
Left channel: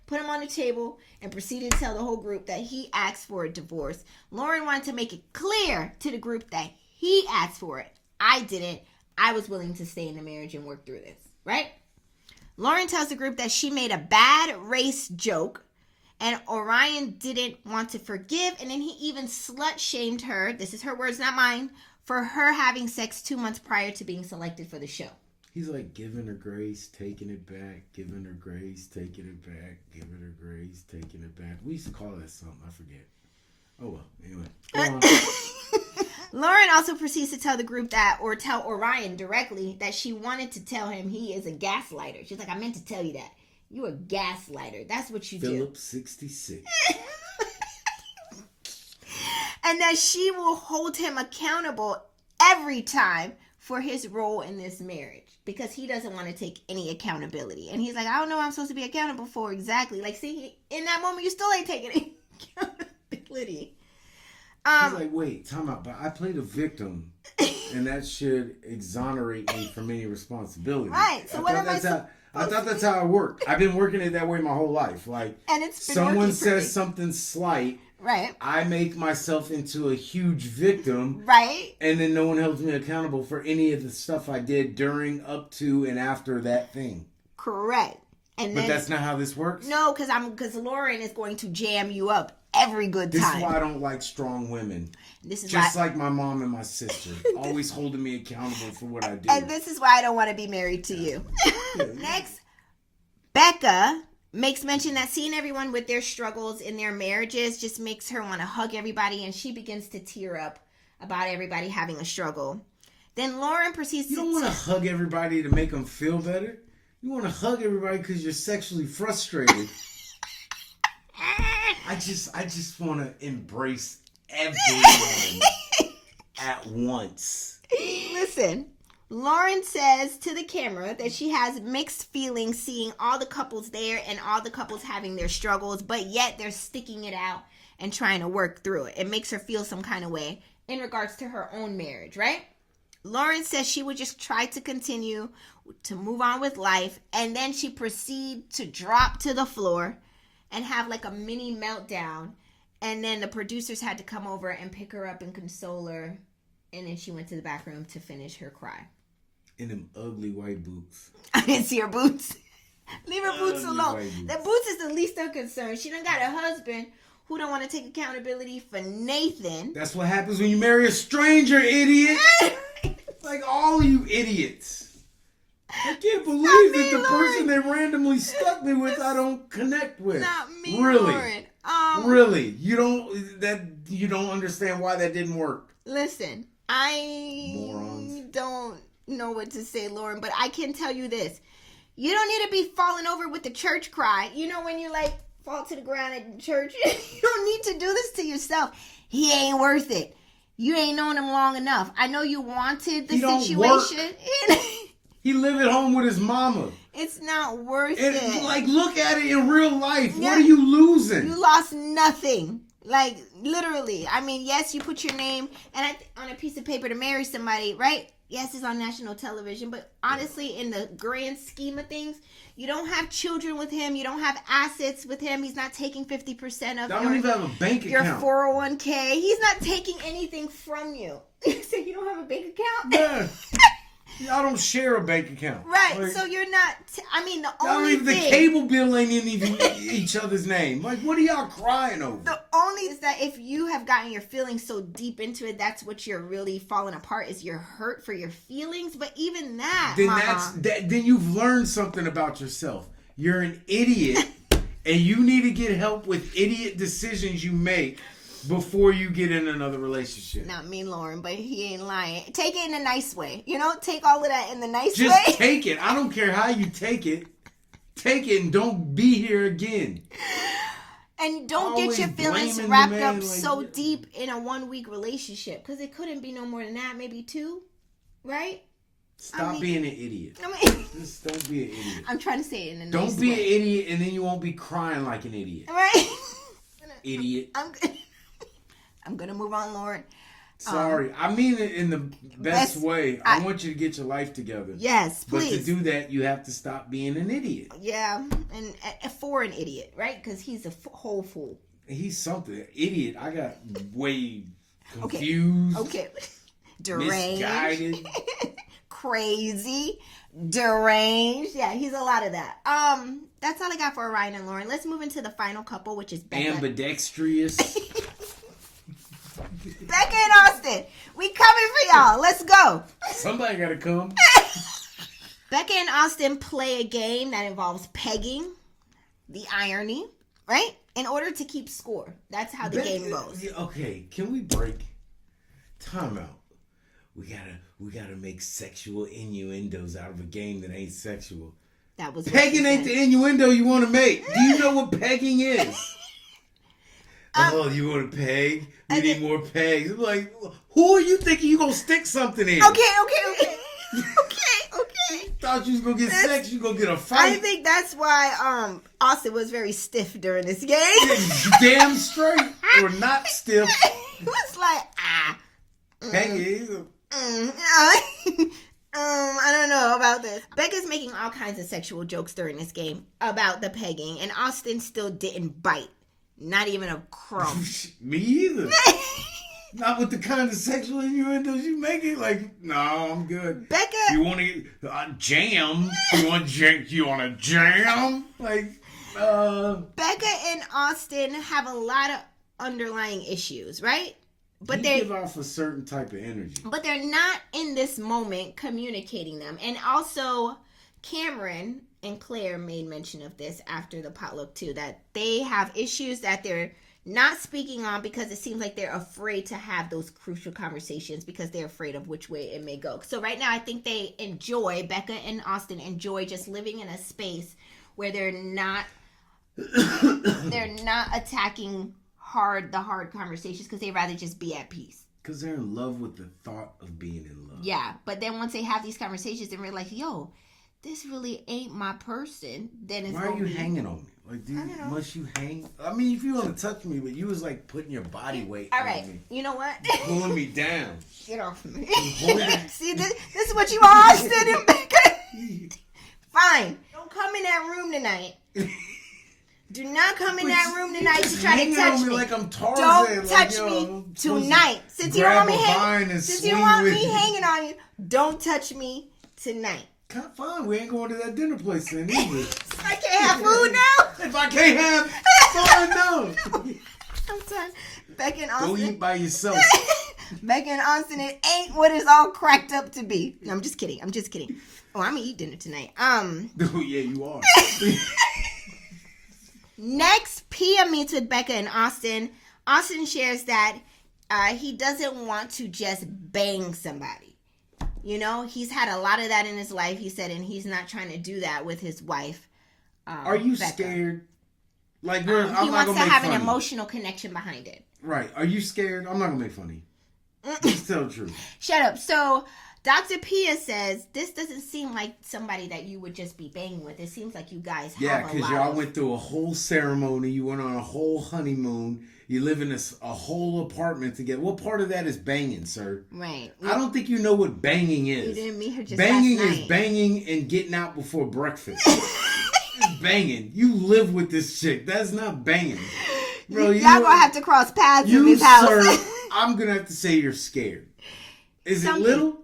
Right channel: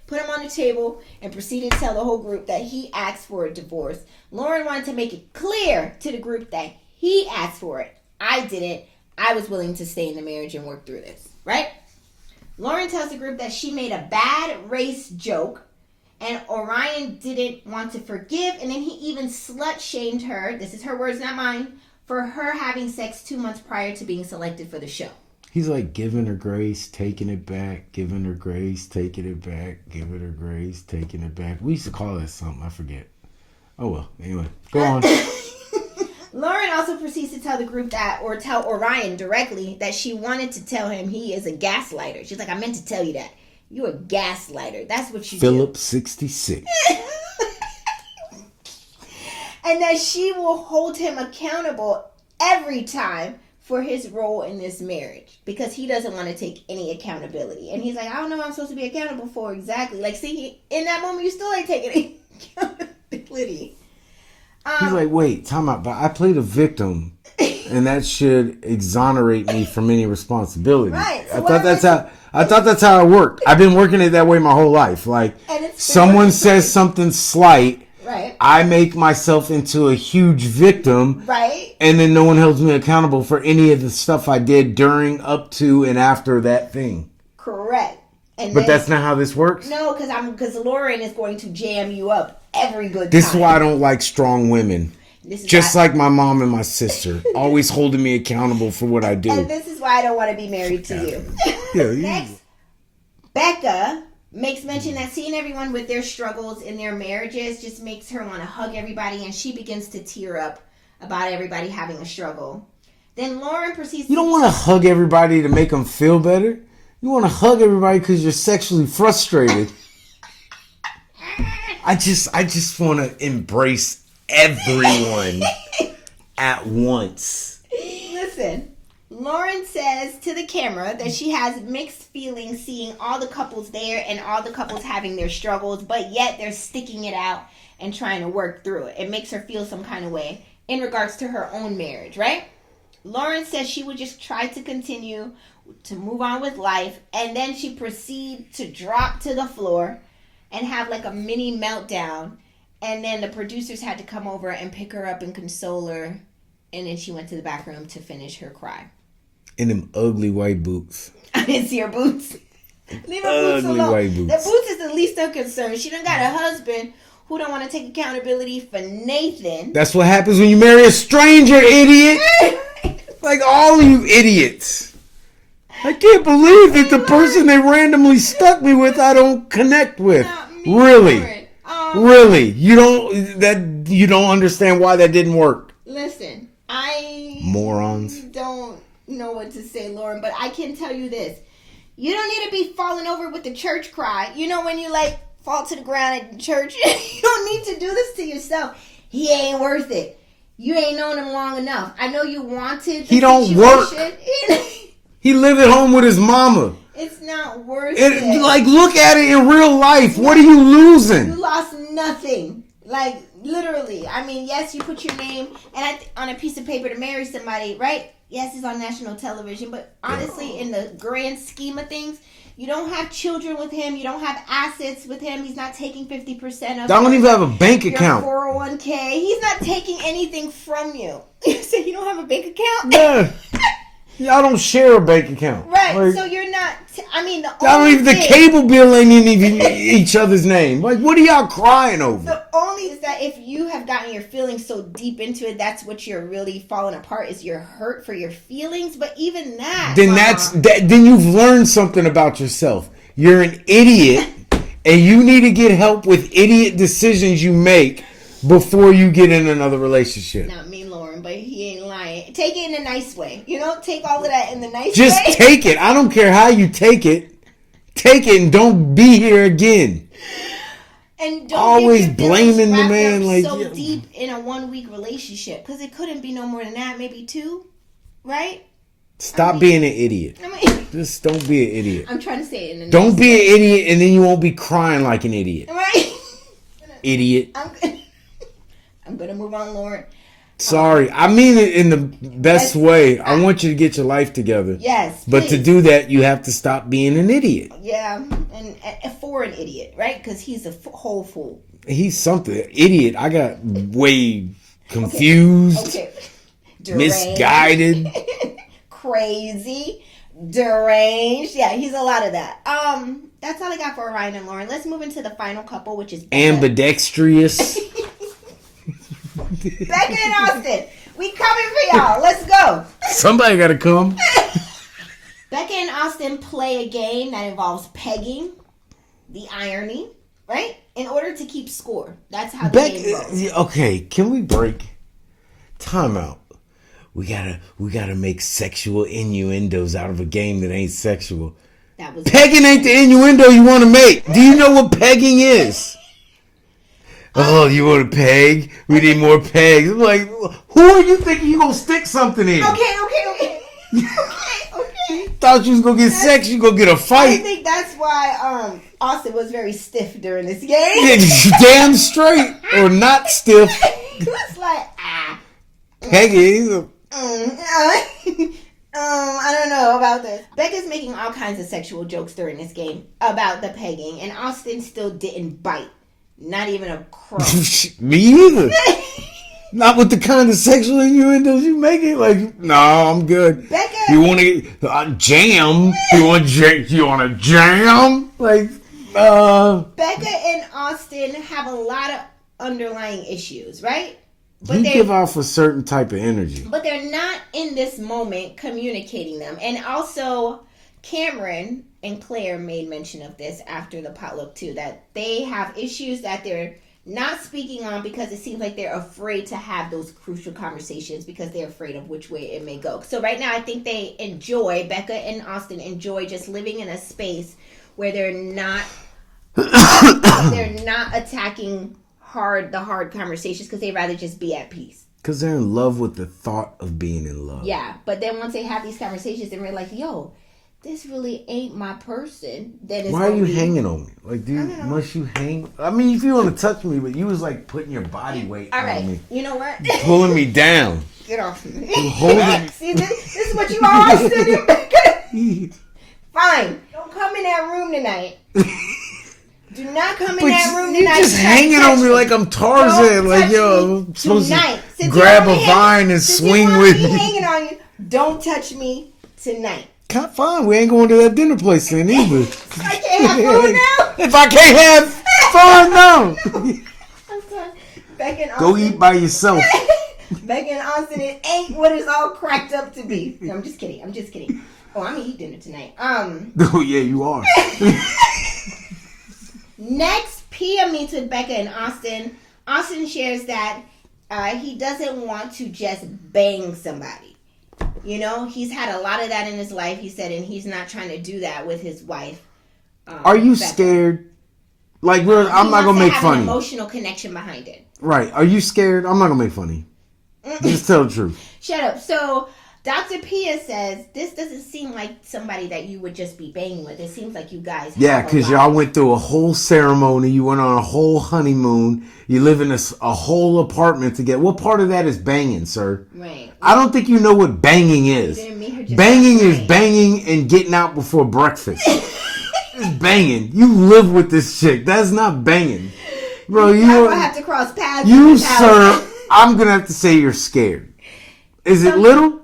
put them on the table, and proceeded to tell the whole group that he asked for a divorce. Lauren wanted to make it clear to the group that he asked for it. I didn't. I was willing to stay in the marriage and work through this. Right? Lauren tells the group that she made a bad race joke, and Orion didn't want to forgive, and then he even slut-shamed her, this is her words, not mine, for her having sex 2 months prior to being selected for the show. He's like giving her grace, taking it back, giving her grace, taking it back, giving her grace, taking it back. We used to call that something, I forget. Oh, well. Anyway, go on. Lauren also proceeds to tell the group or tell Orion directly that she wanted to tell him he is a gaslighter. She's like, I meant to tell you that. You're a gaslighter. That's what you Philip 66. And that she will hold him accountable every time for his role in this marriage because he doesn't want to take any accountability. And he's like, I don't know what I'm supposed to be accountable for exactly. Like, see, in that moment, you still ain't taking any accountability. He's like, wait, time out. But I played a victim, and that should exonerate me from any responsibility. Right. So I thought that's how it worked. I've been working it that way my whole life. Like, someone says something slight. Right. I make myself into a huge victim. Right. And then no one holds me accountable for any of the stuff I did during, up to, and after that thing. Correct. But that's not how this works? No, because Lauren is going to jam you up every good time. This is why I don't like strong women. Just like my mom and my sister. Always holding me accountable for what I do. And this is why I don't want to be married to you. Next, Becca makes mention that seeing everyone with their struggles in their marriages just makes her want to hug everybody, and she begins to tear up about everybody having a struggle. Then Lauren proceeds You don't want to hug everybody to make them feel better. You want to hug everybody because you're sexually frustrated. I just want to embrace everyone at once. Listen, Lauren says to the camera that she has mixed feelings seeing all the couples there and all the couples having their struggles, but yet they're sticking it out and trying to work through it. It makes her feel some kind of way in regards to her own marriage, right? Lauren says she would just try to continue to move on with life, and then she proceeds to drop to the floor and have like a mini meltdown, and then the producers had to come over and pick her up and console her, and then she went to the back room to finish her cry. In them ugly white boots. I didn't see her boots. Leave her boots alone. White boots. The boots is the least of concern. She done got a husband who don't want to take accountability for Nathan. That's what happens when you marry a stranger, idiot. Like all of you idiots. I can't believe that the person they randomly stuck me with I don't connect with. Really? Really? You don't understand why that didn't work. Listen, morons. Don't know what to say, Lauren, but I can tell you this. You don't need to be falling over with the church cry. You know when you like fall to the ground at church? You don't need to do this to yourself. He ain't worth it. You ain't known him long enough. I know you wanted the He don't situation. Work. He live at home with his mama. It's not worth it. Like, look at it in real life. What are you losing? You lost nothing. Like, literally. I mean, yes, you put your name on a piece of paper to marry somebody, right? Yes, it's on national television. But honestly, in the grand scheme of things, you don't have children with him. You don't have assets with him. He's not taking 50% of I don't even have a bank account. Your 401k. He's not taking anything from you. You say you don't have a bank account? Yeah. Y'all don't share a bank account. Right, like, so you're not... the cable bill ain't even each other's name. Like, what are y'all crying over? The only is that if you have gotten your feelings so deep into it, that's what you're really falling apart, is your hurt for your feelings. But even that... Then you've learned something about yourself. You're an idiot, and you need to get help with idiot decisions you make before you get in another relationship. Not me, Lauren, but he ain't lying. Take it in a nice way. You know, take all of that in the nice way. Just take it. I don't care how you take it. Take it and don't be here again. And don't always get your blaming the man up like so deep in a 1 week relationship, because it couldn't be no more than that, maybe 2, right? Stop being an idiot. Just don't be an idiot. I'm trying to say it in a Don't nice be way. an idiot, and then you won't be crying like an idiot. Right? Idiot. I'm gonna move on, Lauren. Sorry, I mean it in the best way. I want you to get your life together. Yes, but to do that, you have to stop being an idiot. Yeah, and for an idiot, right? Because he's a whole fool. He's something idiot. I got way confused, okay. Misguided, crazy, deranged. Yeah, he's a lot of that. That's all I got for Orion and Lauren. Let's move into the final couple, which is Becca. Ambidextrous. Becca and Austin, we coming for y'all. Let's go. Somebody got to come. Becca and Austin play a game that involves pegging, the irony, right? In order to keep score. That's how the game goes. Okay, can we break? Time out. We gotta make sexual innuendos out of a game that ain't sexual. Pegging ain't the innuendo you want to make. Do you know what pegging is? Oh, you want to peg? We need more pegs. I'm like, who are you thinking you gonna stick something in? Okay. Thought you was gonna get sex, you gonna get a fight. I think that's why Austin was very stiff during this game. Damn straight or not stiff. He was like, Peggy. I don't know about this. Becca's making all kinds of sexual jokes during this game about the pegging, and Austin still didn't bite. Not even a crow. Me either. Not with the kind of sexual innuendos you making. Like, no, I'm good. Becca, you want to jam? You want to jam? Like, Becca and Austin have a lot of underlying issues, right? But you give off a certain type of energy. But they're not in this moment communicating them. And also, Cameron and Claire made mention of this after the potluck too, that they have issues that they're not speaking on because it seems like they're afraid to have those crucial conversations because they're afraid of which way it may go. So right now, I think Becca and Austin enjoy just living in a space where they're not attacking the hard conversations because they'd rather just be at peace. Because they're in love with the thought of being in love. Yeah, but then once they have these conversations and we're like, yo, this really ain't my person, then it's why are you hanging on me? Like, dude, must you hang? I mean, if you want to touch me, but you was like putting your body weight on me. All right, you know what? Pulling me down. Get off me. See, this is what you all said. Fine. Don't come in that room tonight. Do not come in that room tonight. You're just hanging on me like I'm Tarzan. Like, yo, I'm supposed to grab a vine and swing with me. Hanging on you. Don't touch me tonight. Fine, we ain't going to that dinner place then either. If I can't have fun now. If I can't have fun now. I'm sorry. Becca and Austin. Go eat by yourself. Becca and Austin, it ain't what it's all cracked up to be. No, I'm just kidding. Oh, I'm gonna eat dinner tonight. Oh yeah, you are. Next, Pia meets with Becca and Austin. Austin shares that he doesn't want to just bang somebody. You know, he's had a lot of that in his life, he said, and he's not trying to do that with his wife. Are you Becca. Scared? Like, I'm not going to make fun of you. An emotional connection behind it. Right. Are you scared? I'm not going to make fun of you. Just tell the truth. Shut up. So, Dr. Pia says, this doesn't seem like somebody that you would just be banging with. It seems like you guys Yeah, because y'all went through a whole ceremony. You went on a whole honeymoon. You live in a whole apartment together. What part of that is banging, sir? Right. I don't think you know what banging is. Banging is banging and getting out before breakfast. It's banging. You live with this chick. That's not banging. Bro, you don't have to cross paths. You, sir, I'm going to have to say you're scared. Is it little?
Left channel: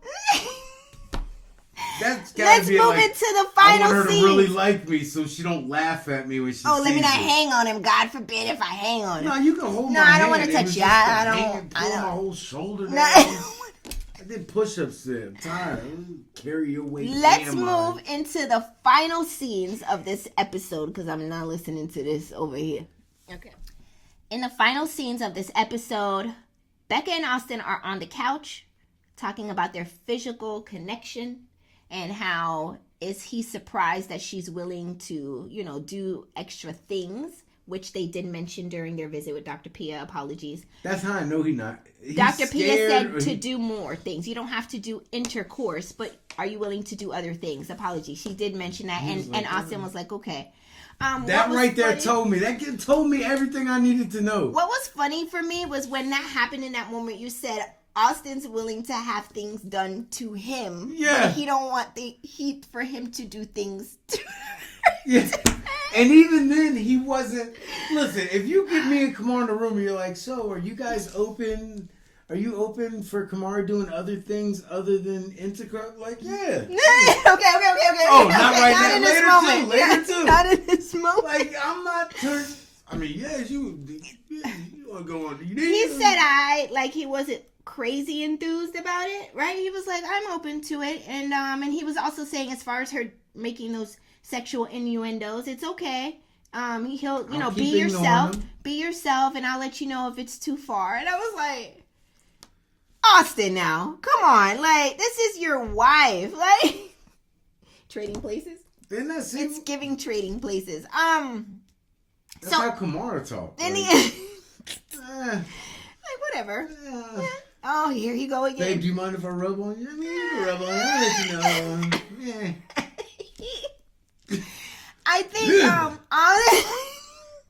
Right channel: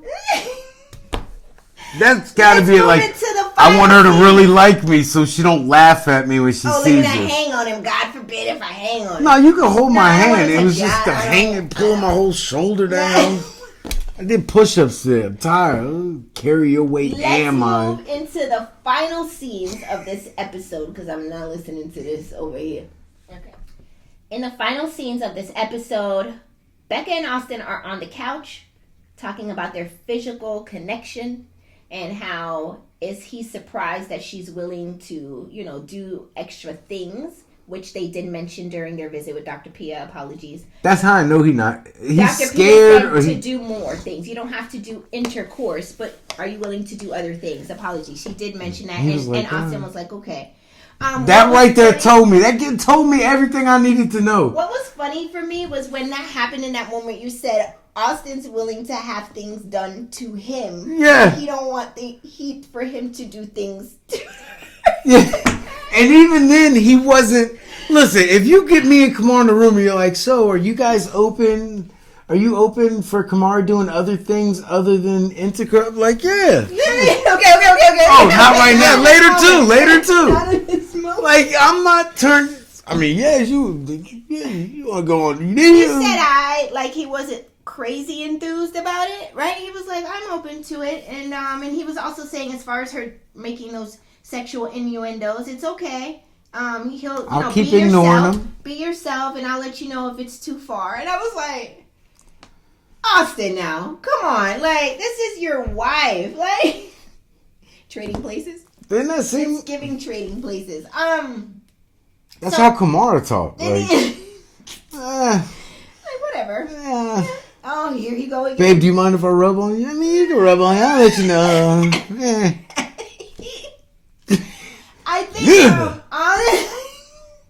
That's got to be like, I want her to really like me so she don't laugh at me when she sees me. Oh, look at that hang on him. God forbid if I hang on him. No, you can hold my hand. It was just the hanging, pulling my whole shoulder down. I did push-ups there. I'm tired. Carry your weight and mine. Let's move into the final scenes of this episode because I'm not listening to this over here. Okay. In the final scenes of this episode, Becca and Austin are on the couch talking about their physical connection and how is he surprised that she's willing to, do extra things, which they did mention during their visit with Dr. Pia. Apologies. That's how I know he's Dr. scared. Pia said to do more things. You don't have to do intercourse, but are you willing to do other things? Apologies. She did mention that, and Austin was like, okay. That right there told me. That told me everything I needed to know. What was funny for me was when that happened in that moment, you said Austin's willing to have things done to him. Yeah. He don't want for him to do things to Yeah. And even then, he wasn't. Listen, if you get me and Kamar in the room and you're like, so are you guys open? Are you open for Kamar doing other things other than intercourse? Like, yeah. Okay. Oh, not right now. Later too. Not in this moment. Like, I'm not turned. I mean, you want to go on. He said he wasn't crazy enthused about it, right? He was like, I'm open to it. And he was also saying as far as her making those sexual innuendos, it's okay. He'll keep ignoring him. Be yourself, and I'll let you know if it's too far. And I was like, Austin, now, come on, like, this is your wife, like, trading places. Didn't that seem? It's giving trading places. That's how Kamara talked. Like, whatever. Oh, here you go again. Babe, do you mind if I rub on you? I mean, you can rub on you. I'll let you know. I think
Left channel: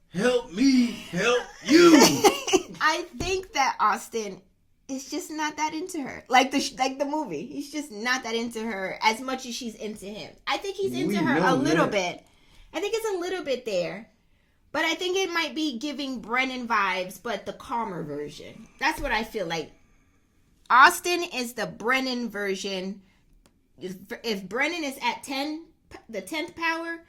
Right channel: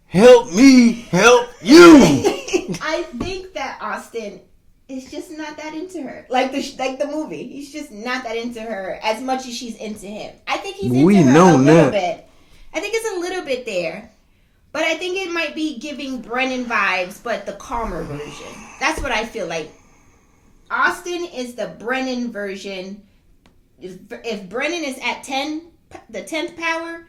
help me help you. I think that Austin is just not that into her. Like the movie. He's just not that into her as much as she's into him. I think he's into her a little bit. I think it's a little bit there. But I think it might be giving Brennan vibes, but the calmer version. That's what I feel like. Austin is the Brennan version. If Brennan is at 10, the 10th power,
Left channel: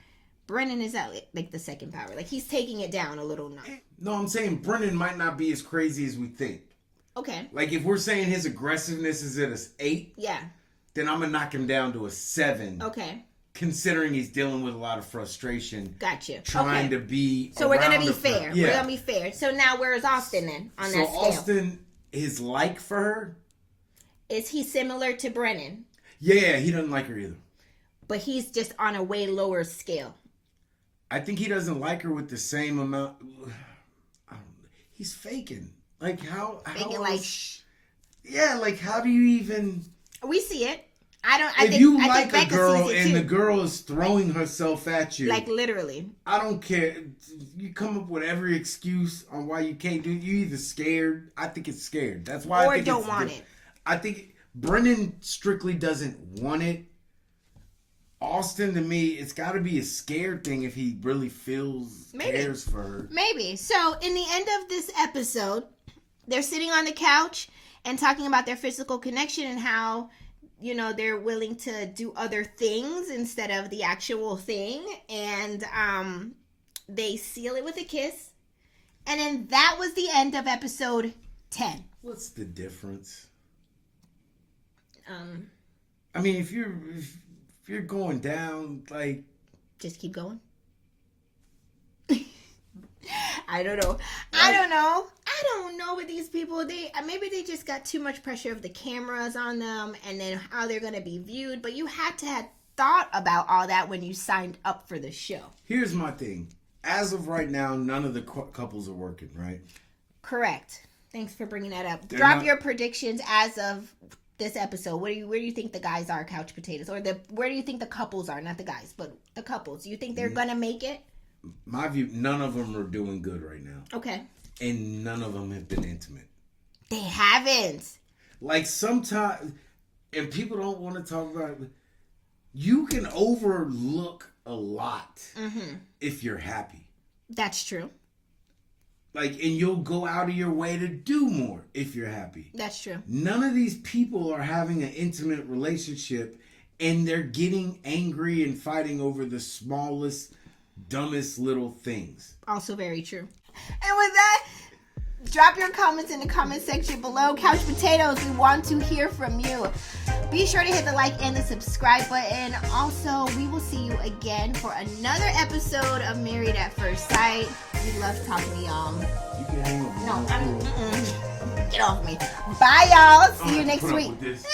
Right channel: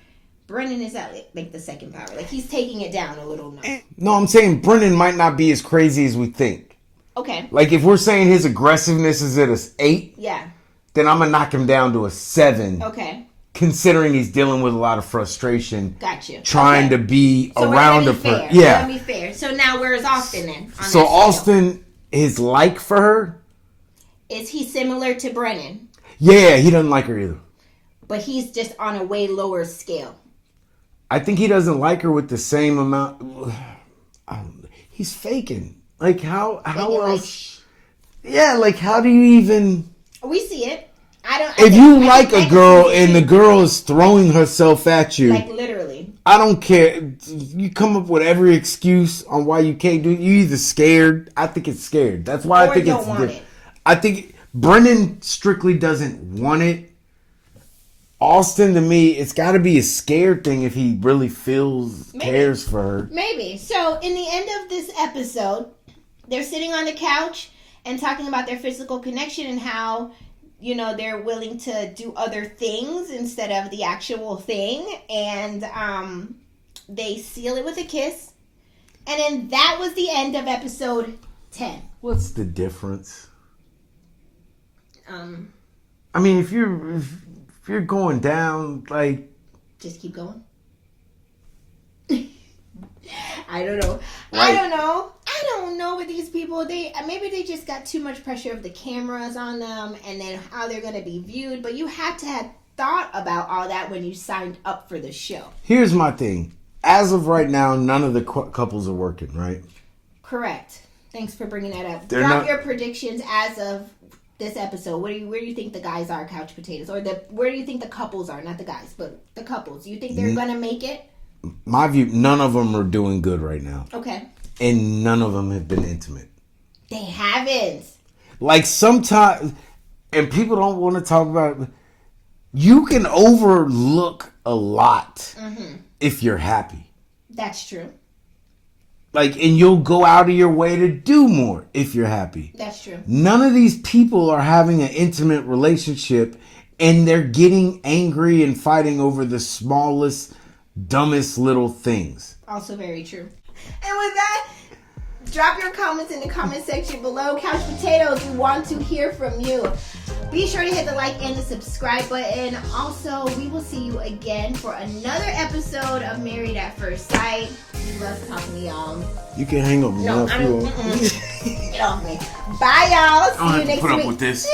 Brennan is at like the second power. Like he's taking it down a little now. No, I'm saying Brennan might not be as crazy as we think. Okay. Like if we're saying his aggressiveness is at an 8, then I'm gonna knock him down to a 7. Okay. Considering he's dealing with a lot of frustration. Gotcha. Trying to be around a person. Yeah. We're gonna be fair. So now where is Austin then? So Austin, his like for her? Is he similar to Brennan? Yeah, he doesn't like her either. But he's just on a way lower scale. I think he doesn't like her with the same amount. He's faking. Like how else? Yeah, like how do you even? We see it. If you like a girl and the girl is throwing herself at you, like literally, I don't care. You come up with every excuse on why you can't do it. You either scared. I think it's scared. That's why I think don't want it. I think Brennan strictly doesn't want it. Austin, to me, it's got to be a scared thing if he really cares for her. Maybe. So, in the end of this episode, they're sitting on the couch and talking about their physical connection and how, you know, they're willing to do other things instead of the actual thing. And they seal it with a kiss. And then that was the end of episode 10. What's the difference? I mean, if you're going down, like, just keep going. I don't know. I don't know with these people. Maybe they just got too much pressure of the cameras on them and then how they're going to be viewed. But you had to have thought about all that when you signed up for the show. Here's my thing. As of right now, none of the couples are working, right? Correct. Thanks for bringing that up. Drop your predictions as of this episode. Where do you think the guys are, couch potatoes? Or where do you think the couples are? Not the guys, but the couples. Do you think they're going to make it? My view, none of them are doing good right now. Okay. And none of them have been intimate. They haven't. Like sometimes, and people don't want to talk about it, you can overlook a lot if you're happy. That's true. Like, and you'll go out of your way to do more if you're happy. That's true. None of these people are having an intimate relationship and they're getting angry and fighting over the smallest, dumbest little things. Also very true. And with that, drop your comments in the comment section below. Couch Potatoes, we want to hear from you. Be sure to hit the like and the subscribe button. Also, we will see you again for another episode of Married at First Sight. We love talking to y'all. You can hang up. No, I don't. Get off me. Bye, y'all. See you next week. Put up with this.